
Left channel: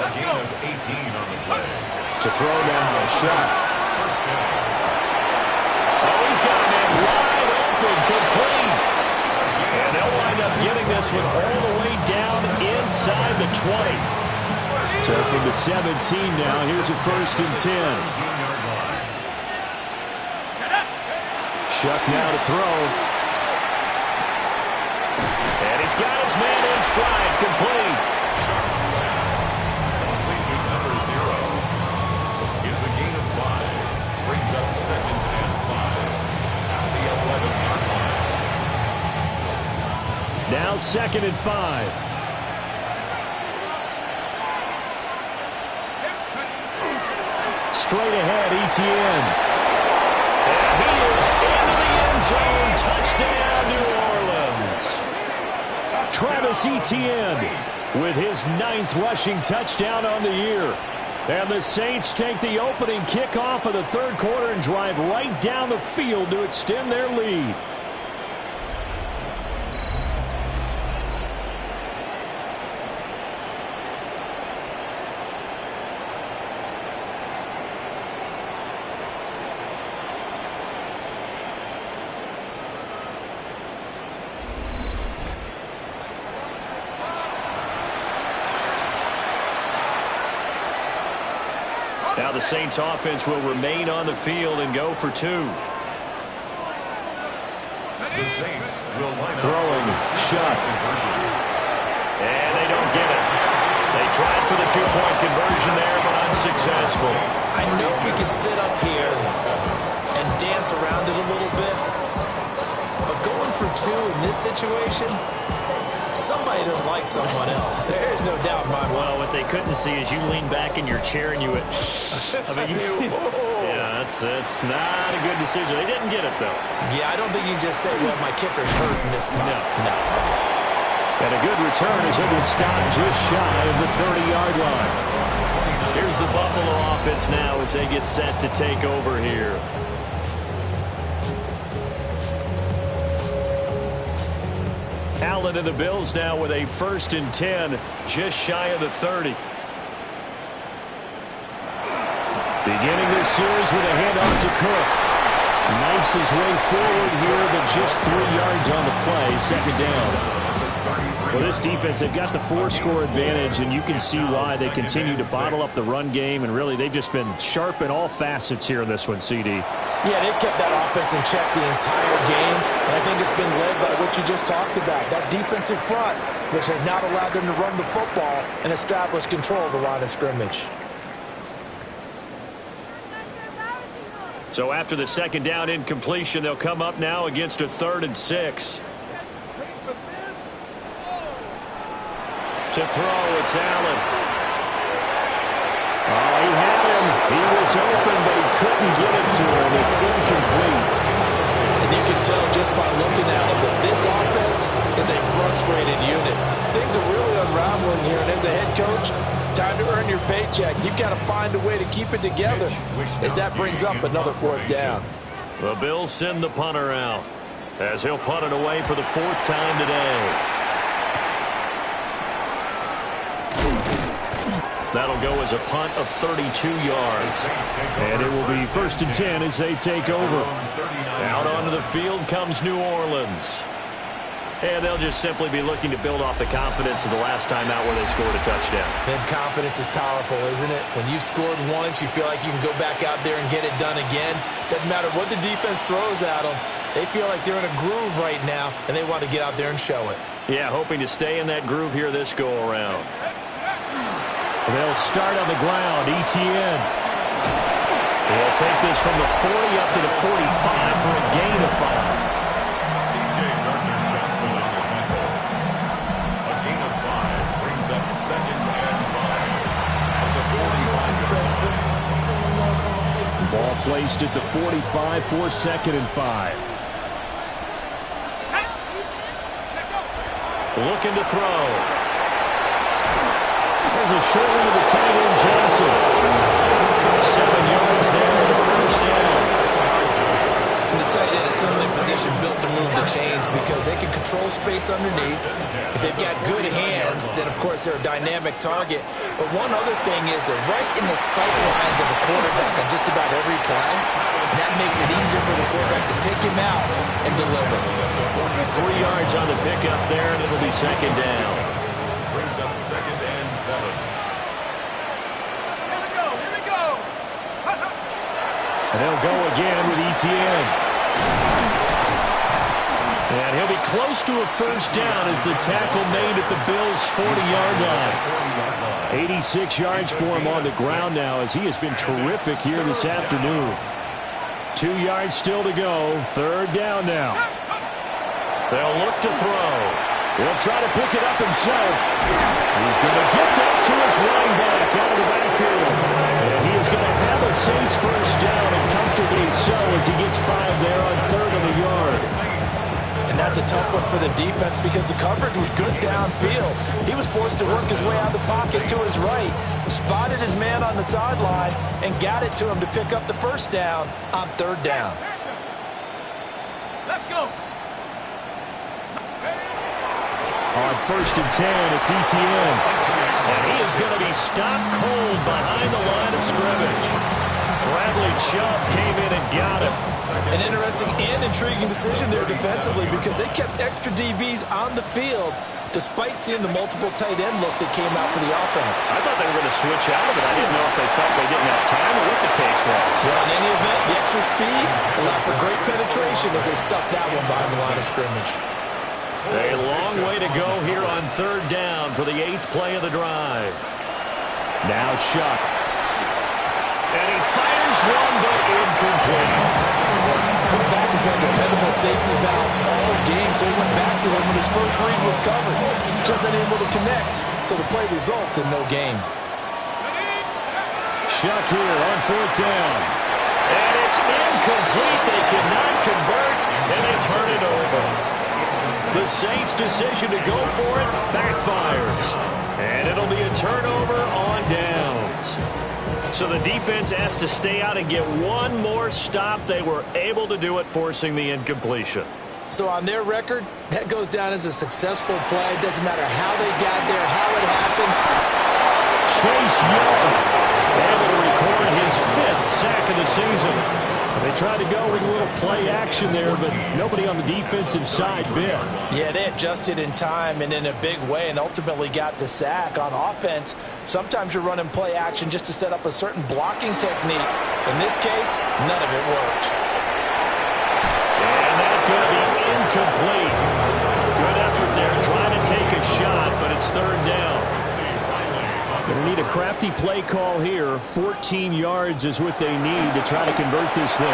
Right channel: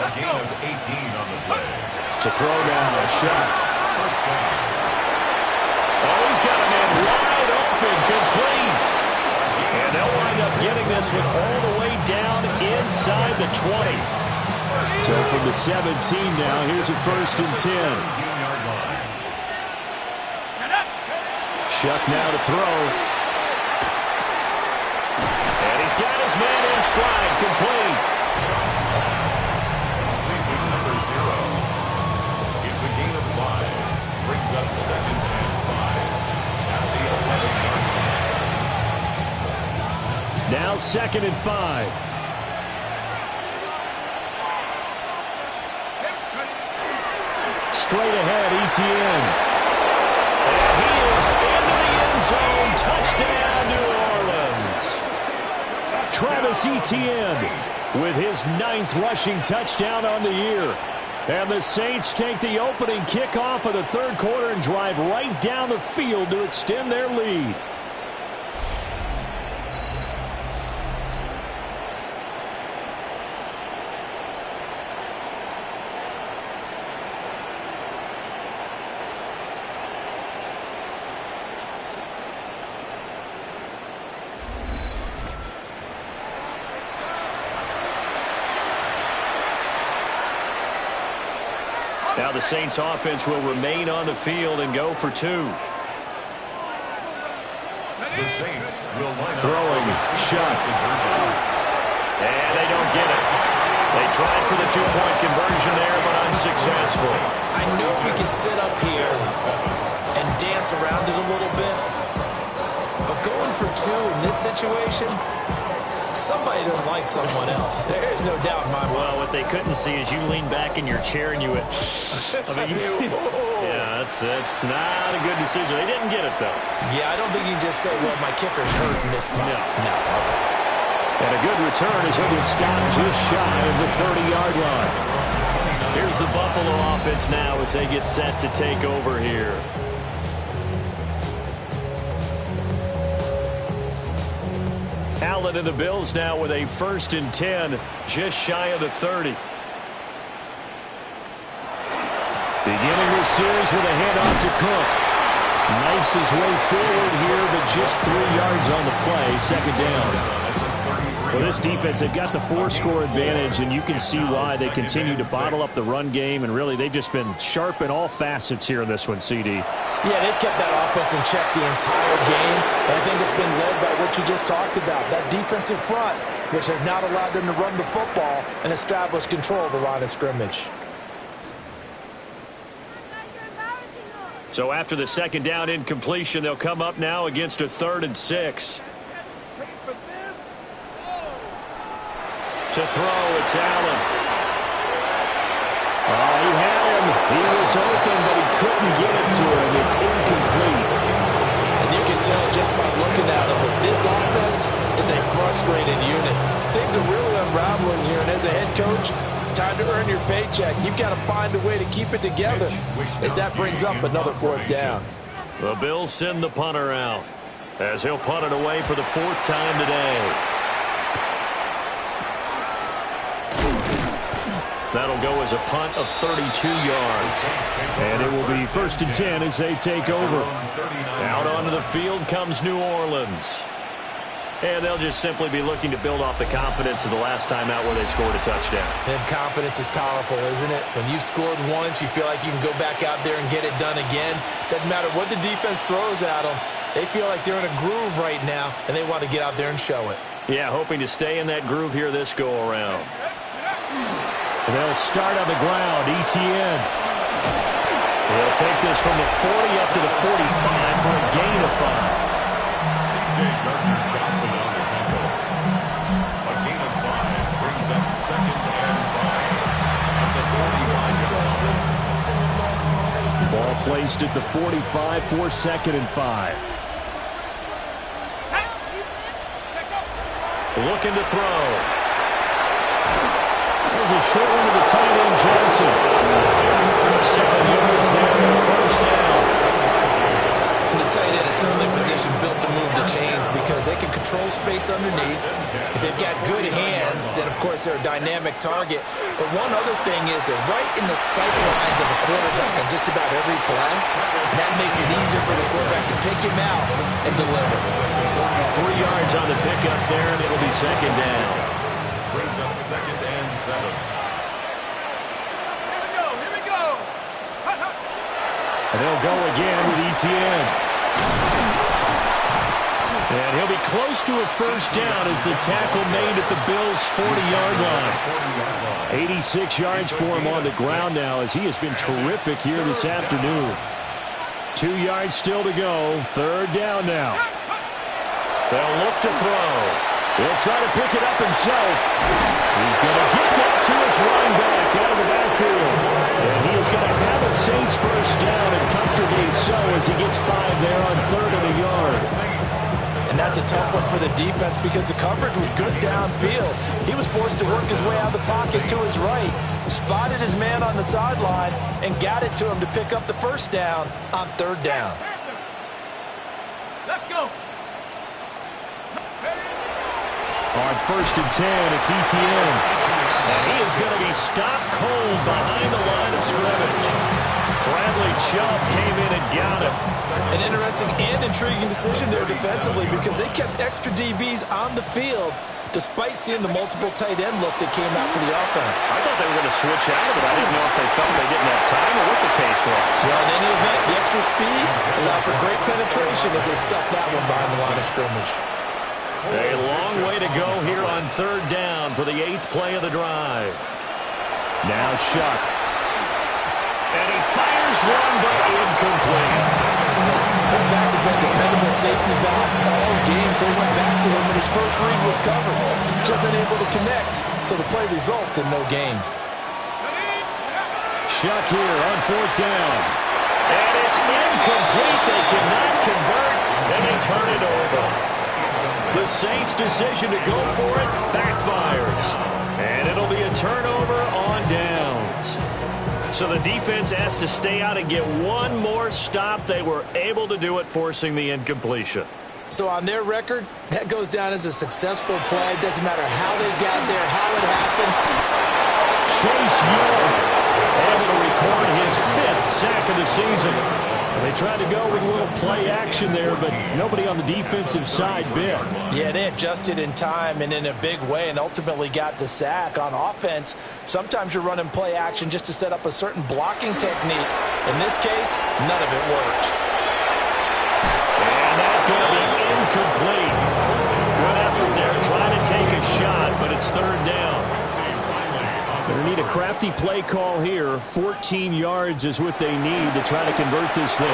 A gain of 18 on the play. To throw now, shot. First down. Oh, he's got a man wide open, complete. And they'll wind up getting this one all the way down inside the 20. So from the 17 now, here's a first and 10. 17-yard line. Shuck now to throw. And he's got his man in stride, complete. Shuck's pass. Complete to number 0. It's a gain of 5. Brings up second and 5. At the 11-yard line. Now second and 5. Straight ahead, Etienne. And he is into the end zone. Touchdown, New Orleans. Travis Etienne with his 9th rushing touchdown on the year. And the Saints take the opening kickoff of the third quarter and drive right down the field to extend their lead. Now the Saints offense will remain on the field and go for 2. The Saints will line up. Throwing, shot. And they don't get it. They tried for the 2-point conversion there, but unsuccessful. I know we can sit up here and dance around it a little bit, but going for 2 in this situation, somebody doesn't like someone else. There's no doubt in my mind. Well, what they couldn't see is you lean back in your chair and you went, I mean, yeah, that's not a good decision. They didn't get it, though. Yeah, I don't think you can just say, well, my kicker's hurt in this spot. No, okay. And a good return as he'll be stopped just shy of the 30-yard line. Here's the Buffalo offense now as they get set to take over here. Allen and the Bills now with a first and 10, just shy of the 30. Beginning this series with a handoff to Cook. Knifes his way forward here, but just 3 yards on the play, second down. Well, this defense, they've got the 4-score advantage, and you can see why they continue to bottle up the run game, and really they've just been sharp in all facets here in this one, CD. Yeah, they've kept that offense in check the entire game, and I think it's been led by what you just talked about, that defensive front, which has not allowed them to run the football and establish control of the line of scrimmage. So after the second down incompletion, they'll come up now against a 3rd and 6. To throw, it's Allen. Oh, he had him. He was open, but he couldn't get it to him. It's incomplete. And you can tell just by looking at him that this offense is a frustrated unit. Things are really unraveling here, and as a head coach, time to earn your paycheck. You've got to find a way to keep it together as that brings up another 4th down. The Bills send the punter out as he'll punt it away for the 4th time today. That'll go as a punt of 32 yards. And it will be first and 10 as they take over. Out onto the field comes New Orleans. And they'll just simply be looking to build off the confidence of the last time out where they scored a touchdown. And confidence is powerful, isn't it? When you've scored once, you feel like you can go back out there and get it done again. Doesn't matter what the defense throws at them. They feel like they're in a groove right now, and they want to get out there and show it. Yeah, hoping to stay in that groove here this go-around. They'll start on the ground. Etienne. They'll take this from the 40 up to the 45 for a gain of 5. C.J. Gardner-Johnson on the tackle. A gain of 5 brings up second and 5 at the 45-yard line. Ball placed at the 45 for second and 5. Looking to throw. There's a short one to the tight end, Johnson. 7 yards there position built to move the chains because they can control space underneath. If they've got good hands, then, of course, they're a dynamic target. But one other thing is they're right in the sight lines of a quarterback on just about every play. And that makes it easier for the quarterback to pick him out and deliver. 3 yards on the pickup there, and it'll be second down. Brings up 2nd and 7. And they'll go again with Etienne. And he'll be close to a first down as the tackle made at the Bills' 40-yard line. 86 yards for him on the ground now as he has been terrific here this afternoon. 2 yards still to go. 3rd down now. They'll look to throw. He'll try to pick it up himself. He's going to get that to his running back out of the backfield. And he is going to have a Saints first down, and comfortably so as he gets 5 there on 3rd and a yard. And that's a tough one for the defense because the coverage was good downfield. He was forced to work his way out of the pocket to his right, spotted his man on the sideline, and got it to him to pick up the first down on 3rd down. Let's go. On 1st and 10, it's Etienne. And he is going to be stopped cold behind the line of scrimmage. Bradley Chubb came in and got him. An interesting and intriguing decision there defensively because they kept extra DBs on the field despite seeing the multiple tight end look that came out for the offense. I thought they were going to switch out of it. I didn't know if they felt they didn't have time or what the case was. Well, in any event, the extra speed allowed for great penetration as they stuffed that one behind the line of scrimmage. A long way to go here on 3rd down for the 8th play of the drive. Now Shuck. And he fires one, but incomplete. His back has been a dependable safety valve all game, so he went back to him when his first read was covered. Just unable to connect, so the play results in no gain. Shuck here on 4th down. And it's incomplete. They cannot convert, and they turn it over. The Saints' decision to go for it backfires. And it'll be a turnover on downs. So the defense has to stay out and get one more stop. They were able to do it, forcing the incompletion. So on their record, that goes down as a successful play. Doesn't matter how they got there, how it happened. Chase Young able to record his 5th sack of the season. They tried to go with a little play action there, but nobody on the defensive side bit. Yeah, they adjusted in time and in a big way and ultimately got the sack. On offense, sometimes you're running play action just to set up a certain blocking technique. In this case, none of it worked. And that's going to be incomplete. Good effort there, trying to take a shot, but it's 3rd down. Going to need a crafty play call here. 14 yards is what they need to try to convert this thing.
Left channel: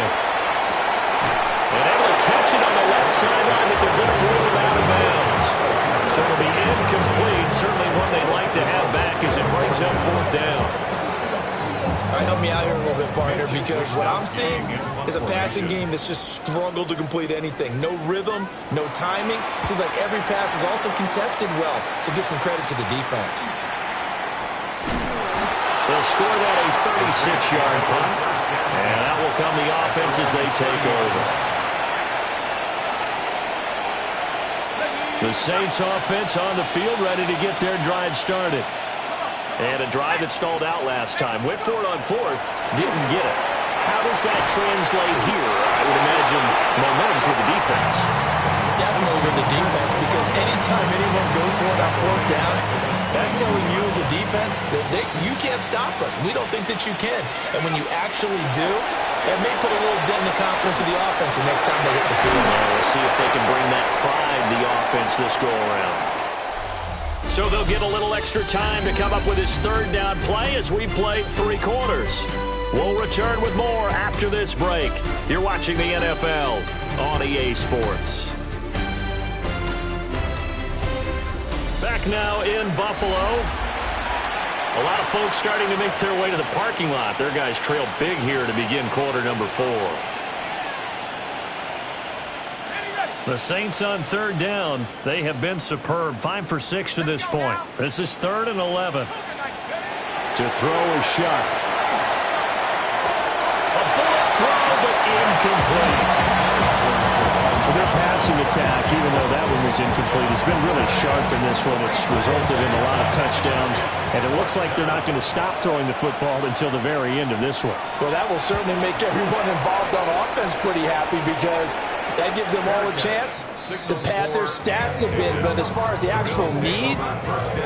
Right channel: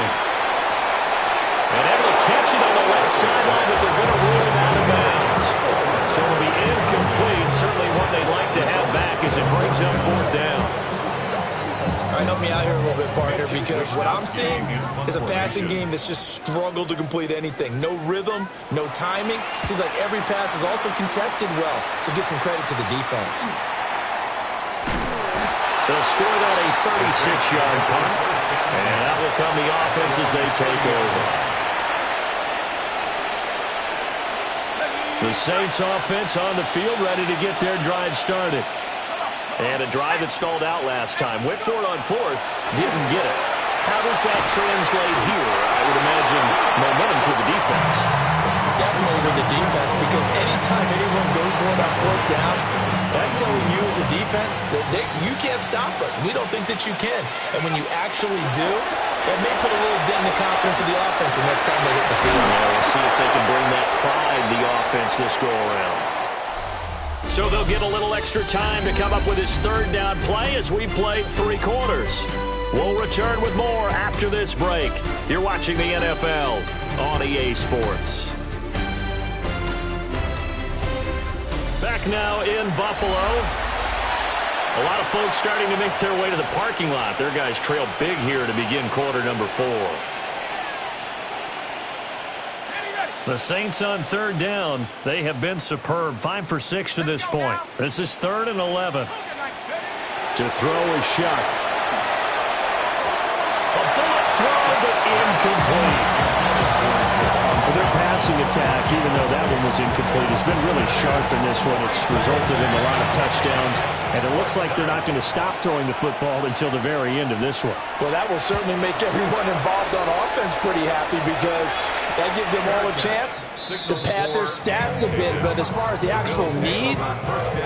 And able to catch it on the left sideline, but they're going to rule it out of bounds. So it'll be incomplete. Certainly one they'd like to have back as it brings up 4th down. All right, help me out here a little bit, partner, because what I'm seeing is a passing game that's just struggled to complete anything. No rhythm, no timing. Seems like every pass is also contested well, so give some credit to the defense. They'll score that a 36-yard punt, and that will come the offense as they take over. The Saints offense on the field ready to get their drive started. And a drive that stalled out last time. Went for it on 4th, didn't get it. How does that translate here? I would imagine momentum's with the defense. Definitely with the defense, because anytime anyone goes for it on 4th down, that's telling you as a defense that you can't stop us. We don't think that you can. And when you actually do, that may put a little dent in the confidence of the offense the next time they hit the field. Yeah, we'll see if they can bring that pride to the offense this go-around. So they'll get a little extra time to come up with his 3rd down play as we play 3 quarters. We'll return with more after this break. You're watching the NFL on EA Sports. Back now in Buffalo. A lot of folks starting to make their way to the parking lot. Their guys trail big here to begin quarter number 4. The Saints on 3rd down. They have been superb. 5 for 6 to this point. This is 3rd and 11. To throw is Shuck. A bullet throw, but incomplete. Well, their passing attack, even though that one was incomplete, has been really sharp in this one. It's resulted in a lot of touchdowns, and it looks like they're not going to stop throwing the football until the very end of this one. Well, that will certainly make everyone involved on offense pretty happy because that gives them all a chance to pad their stats a bit. But as far as the actual need,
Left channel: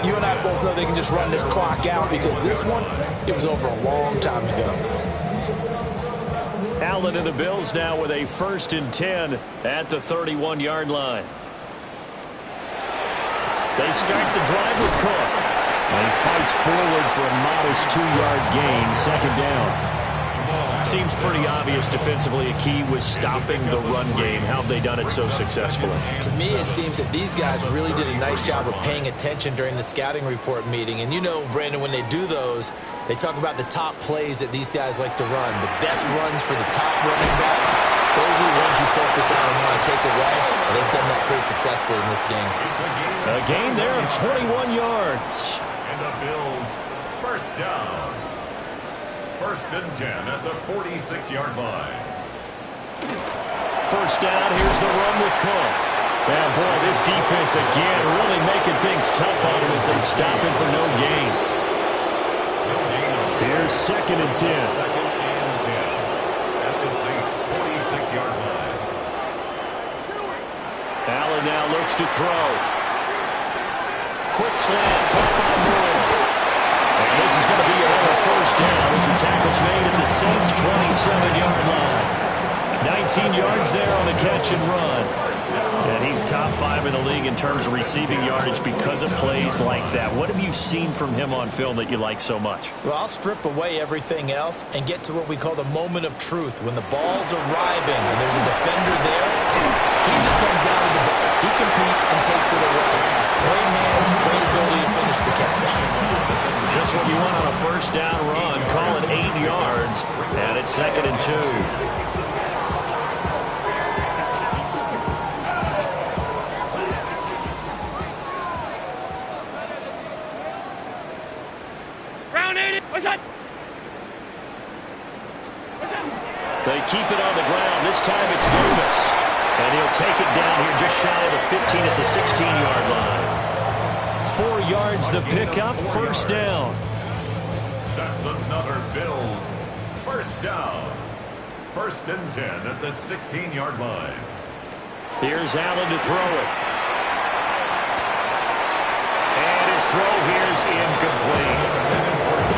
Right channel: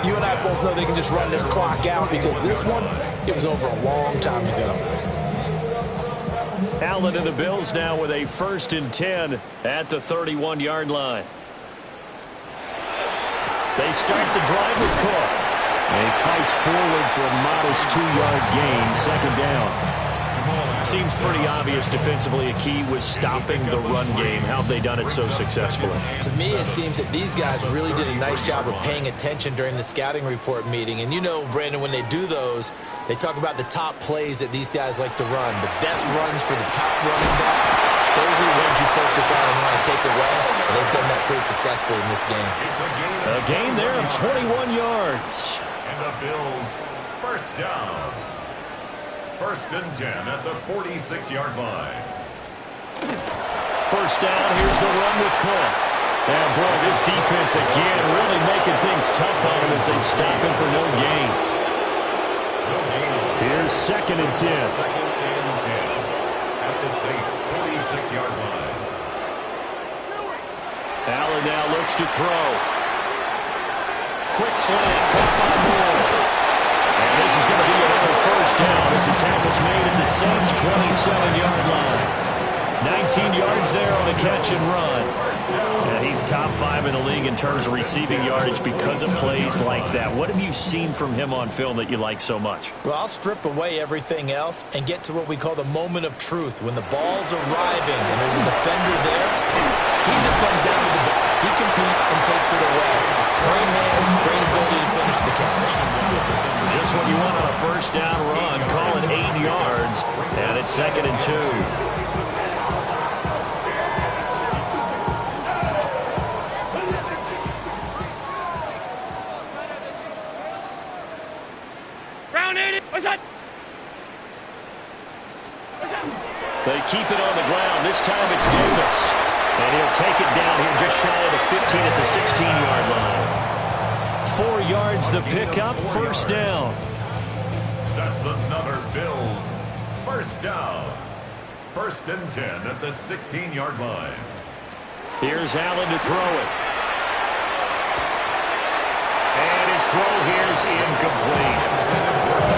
you and I both know they can just run this clock out because this one, it was over a long time ago. Allen and the Bills now with a 1st and 10 at the 31-yard line. They start the drive with Cook. And he fights forward for a modest 2-yard gain, 2nd down. Seems pretty obvious defensively a key was stopping the run game. How have they done it so successfully? To me, it seems that these guys really did a nice job of paying attention during the scouting report meeting. And you know, Brandon, when they do those, they talk about the top plays that these guys like to run. The best runs for the top running back, those are the ones you focus on and want to take away. And they've done that pretty successfully in this game. A gain there of 21 yards. And the Bills, 1st down. 1st and 10 at the 46-yard line. 1st down, here's the run with Cook. And boy, this defense again really making things tough on him as they stop him for no gain. No gain. Here's 2nd and 10. 2nd and 10 at the Saints' 46-yard line. Allen now looks to throw. Quick slant, caught by Moore. And this is going to be another 1st down as the tackle's made at the Saints' 27-yard line. 19 yards there on the catch and run. And he's top 5 in the league in terms of receiving yardage because of plays like that. What have you seen from him on film that you like so much? Well, I'll strip away everything else and get to what we call the moment of truth. When the ball's arriving and there's a defender there, he just comes down with the ball. He competes and takes it away. Great hands, great ability to finish the catch. Just what you want on a 1st down run. Call it 8 yards, and it's 2nd and 2. They keep it on the ground. This time it's Davis. And he'll take it down here just shy of the 15 at the 16-yard line. 4 yards the pickup, 1st down. That's another Bills 1st down. 1st and 10 at the 16-yard line. Here's Allen to throw it. And his throw here's incomplete.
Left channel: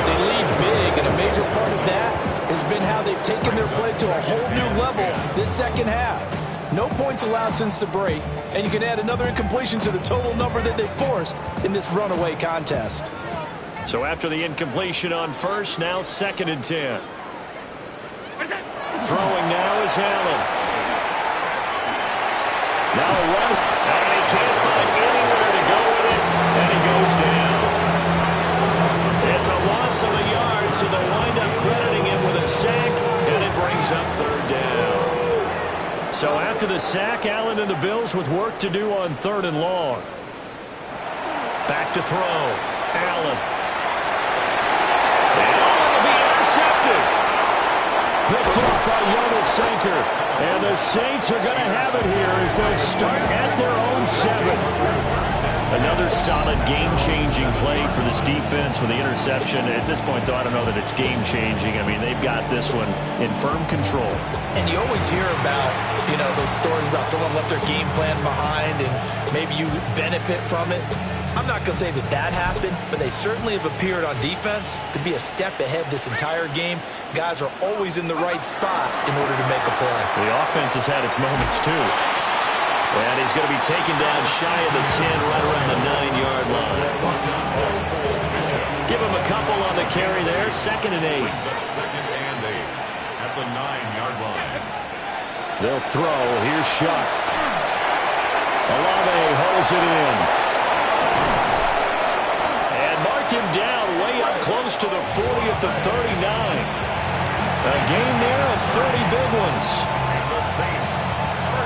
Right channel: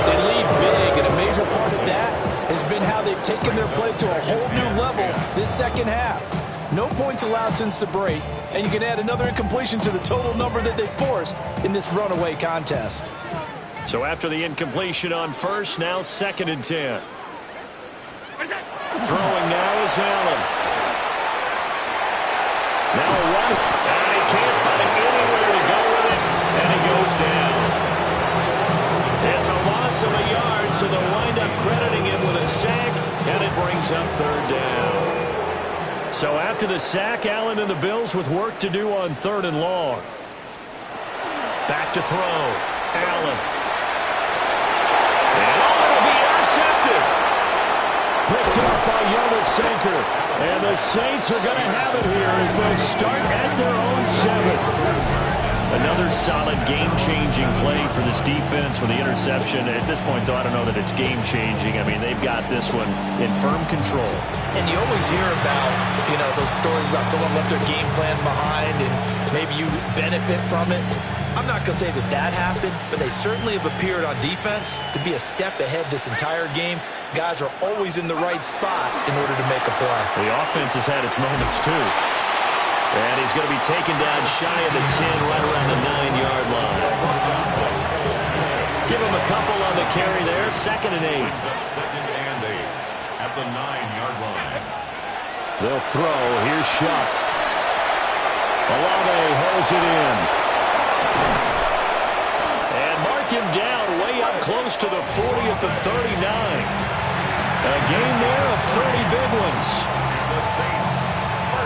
They lead big, and a major part of that has been how they've taken their play to a whole new level this 2nd half. No points allowed since the break, and you can add another incompletion to the total number that they forced in this runaway contest. So after the incompletion on 1st, now 2nd and 10. Throwing now is Allen. Now a run, and he can't find anywhere to go with it, and he goes down. It's a loss of a yard, so they'll wind up crediting him with a sack, and it brings up 3rd down. So after the sack, Allen and the Bills with work to do on 3rd and long. Back to throw. Allen. And it'll be intercepted. Picked up by Jonas Sanker. And the Saints are going to have it here as they'll start at their own 7. Another solid game-changing play for this defense with the interception. At this point, though, I don't know that it's game-changing. I mean, they've got this one in firm control. And you always hear about, you know, those stories about someone left their game plan behind and maybe you benefit from it. I'm not going to say that that happened, but they certainly have appeared on defense to be a step ahead this entire game. Guys are always in the right spot in order to make a play. The offense has had its moments, too. And he's going to be taken down shy of the 10, right around the 9-yard line. Give him a couple on the carry there. 2nd and 8. 2nd and 8 at the 9-yard line. They'll throw. Here's Shuck. Olave holds it in. And mark him down way up close to the 40 at the 39. A gain there of 30 big ones. And the Saints.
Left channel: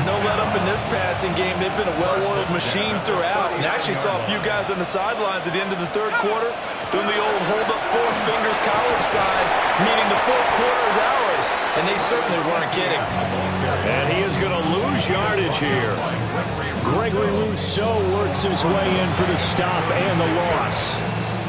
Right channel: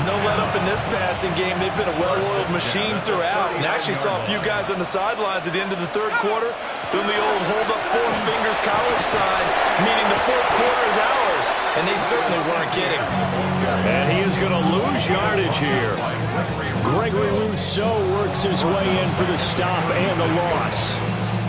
No let up in this passing game. They've been a well-oiled machine throughout. And actually saw a few guys on the sidelines at the end of the 3rd quarter doing the old hold-up Four Fingers College sign, meaning the fourth quarter is ours. And they certainly weren't kidding. And he is going to lose yardage here. Gregory Rousseau works his way in for the stop and the loss.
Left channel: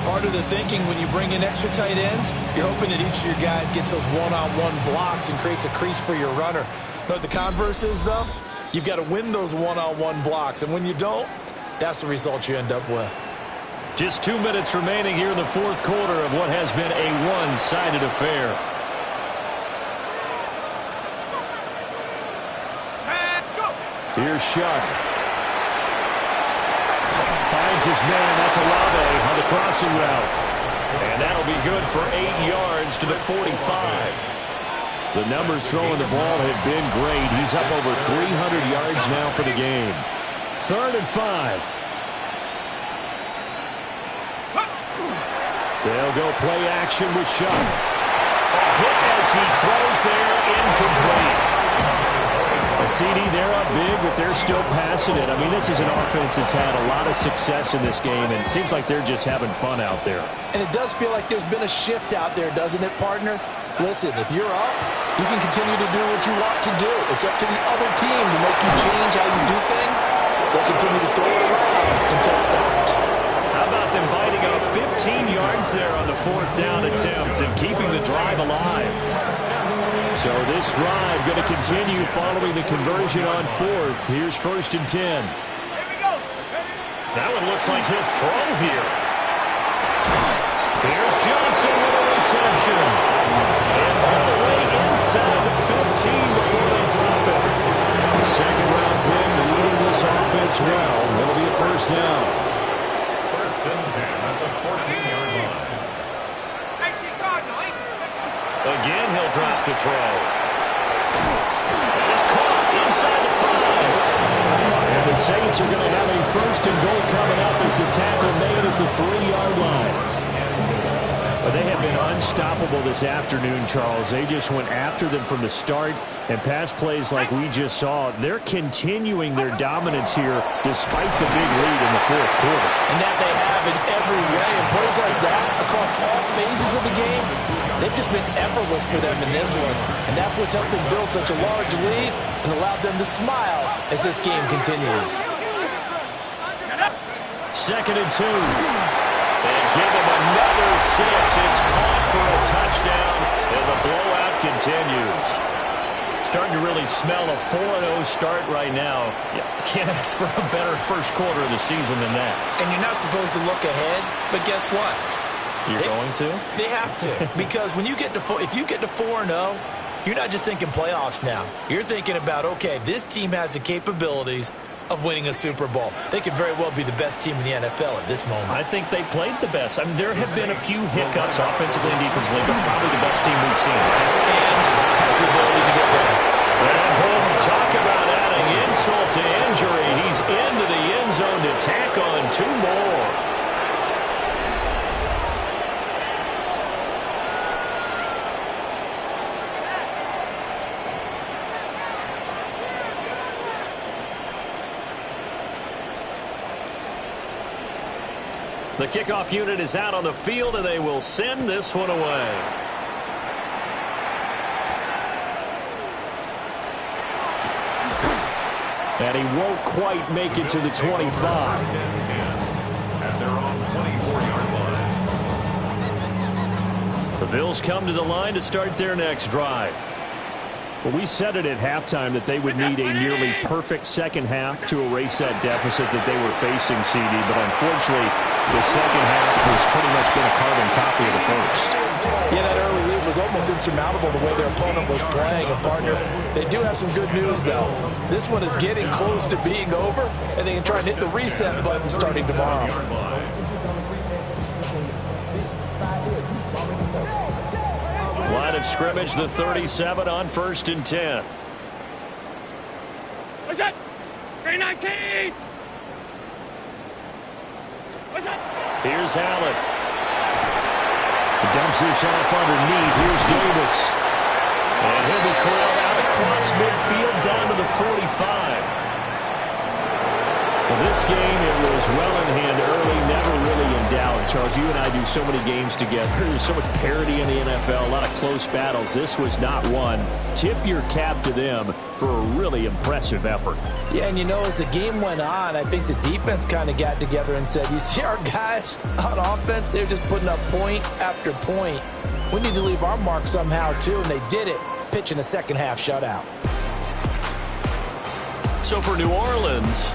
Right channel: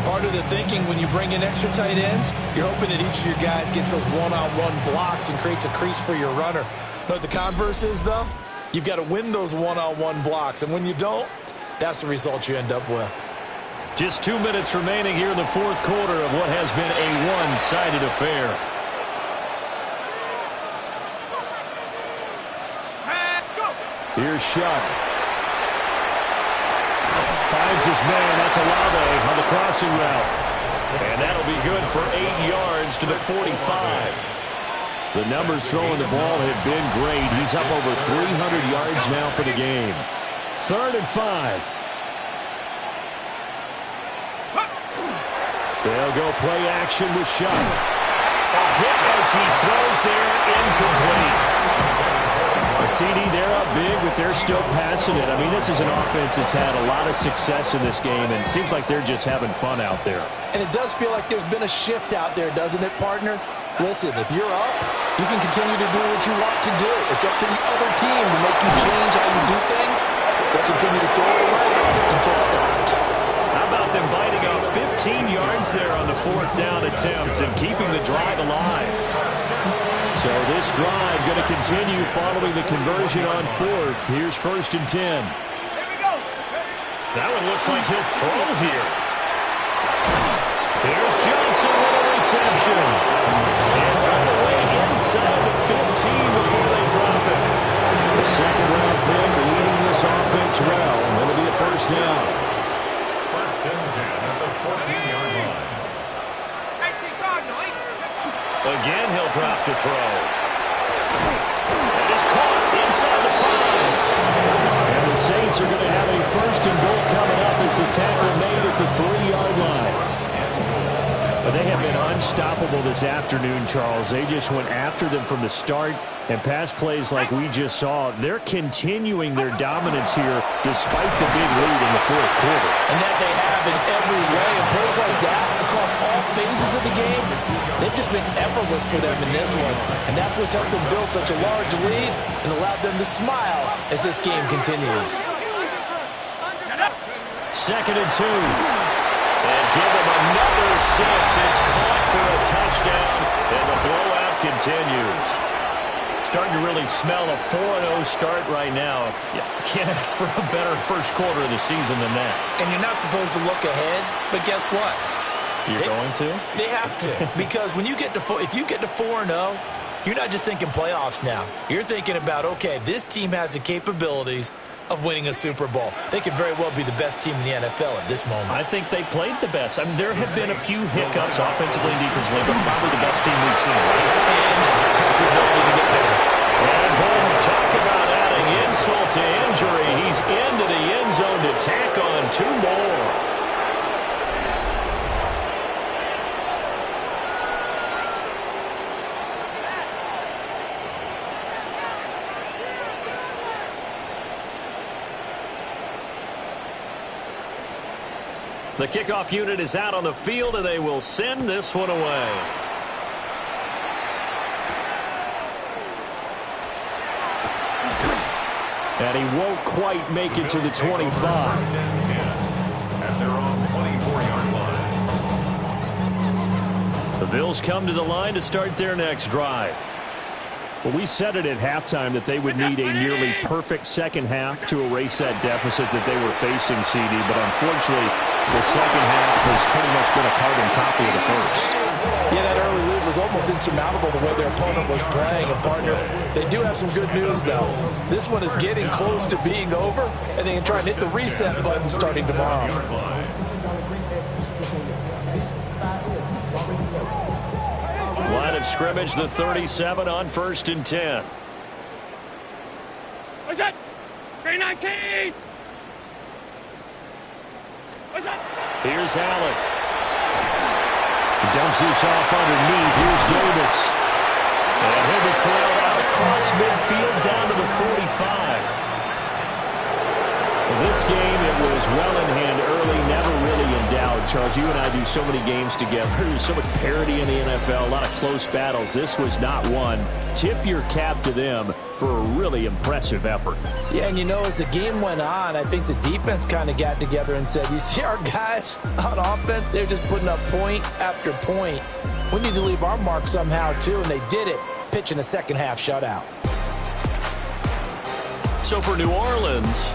Part of the thinking when you bring in extra tight ends, you're hoping that each of your guys gets those one-on-one blocks and creates a crease for your runner. You know what the converse is, though? You've got to win those one-on-one blocks. And when you don't, that's the result you end up with. Just 2 minutes remaining here in the fourth quarter of what has been a one-sided affair. Here's Shuck. Finds his man. That's Olave on the crossing route. And that'll be good for 8 yards to the 45. The numbers throwing the ball have been great. He's up over 300 yards now for the game. 3rd and 5. They'll go play action with Shuck. A hit as he throws there, incomplete. A CD, they're up big, but they're still passing it. I mean, this is an offense that's had a lot of success in this game, and it seems like they're just having fun out there. And it does feel like there's been a shift out there, doesn't it, partner? Listen, if you're up, you can continue to do what you want to do. It's up to the other team to make you change how you do things. They'll continue to throw it around until stopped. How about them biting off 15 yards there on the 4th down attempt and keeping the drive alive? So this drive going to continue following the conversion on 4th. Here's 1st and 10. That one looks like he'll throw here. Here's Johnson with a reception. And all the way inside the 15 before they drop it. The second-round pick leading this offense well. It'll be a 1st down. 1st and 10 at the 14-yard line. Again, he'll drop to throw. That is caught inside the 5. And the Saints are going to have a 1st and goal coming up as the tackle made at the 3-yard line. But they have been unstoppable this afternoon, Charles. They just went after them from the start. And pass plays like we just saw, they're continuing their dominance here despite the big lead in the 4th quarter. And that they have in every way. And plays like that across all phases of the game, they've just been effortless for them in this one. And that's what's helped them build such a large lead and allowed them to smile as this game continues. 2nd and 2. And give them another 6. It's caught for a touchdown, and the blowout continues. Starting to really smell a 4-0 start right now. Yeah, can't ask for a better first quarter of the season than that. And you're not supposed to look ahead, but guess what? You're going to? They have to. Because when you get to if you get to 4-0, you're not just thinking playoffs now. You're thinking about, okay, this team has the capabilities of winning a Super Bowl. They could very well be the best team in the NFL at this moment. I think they played the best. I mean, there have been a few hiccups offensively and defensively, but probably the best team we've seen, right? And has the ability to get better. And boom, talk about adding insult to injury. He's into the end zone to tack on 2 more. The kickoff unit is out on the field, and they will send this one away. And he won't quite make it to the 25. At their own 24-yard line. The Bills come to the line to start their next drive. Well, we said it at halftime that they would need a nearly perfect second half to erase that deficit that they were facing, CD. But unfortunately, the second half has pretty much been a carbon copy of the first. Yeah, that early lead was almost insurmountable the way their opponent was playing. And, partner, they do have some good news, though. This one is getting close to being over, and they can try and hit the reset button starting tomorrow. Line of scrimmage, the 37 on 1st and 10. What's that? 319! What's that? Here's Allen. He dumps this off underneath. Here's Davis. And he'll be corralled out across midfield down to the 45. Well, This game, it was well in hand early, never really in doubt. Charles, you and I do so many games together. There's so much parity in the NFL, a lot of close battles. This was not one. Tip your cap to them for a really impressive effort. Yeah, and you know, as the game went on, I think the defense kind of got together and said, you see our guys on offense, they're just putting up point after point. We need to leave our mark somehow, too, and they did it, pitching a second-half shutout. So for New Orleans,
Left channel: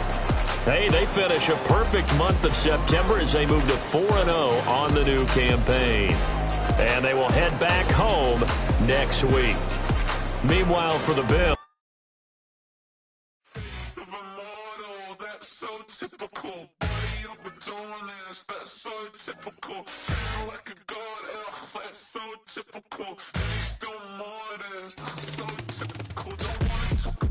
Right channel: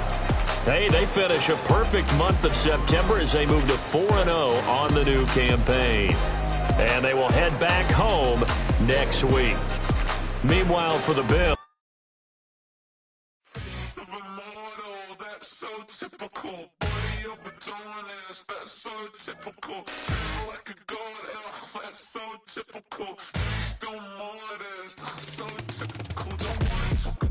hey, they finish a perfect month of September as they move to 4-0 on the new campaign. And they will head back home next week. Meanwhile, for the Bills, that's so typical. Body overdoing this, that's so typical. Treat like a god, that's so typical. Still more this, that's so typical. Don't wanna talk about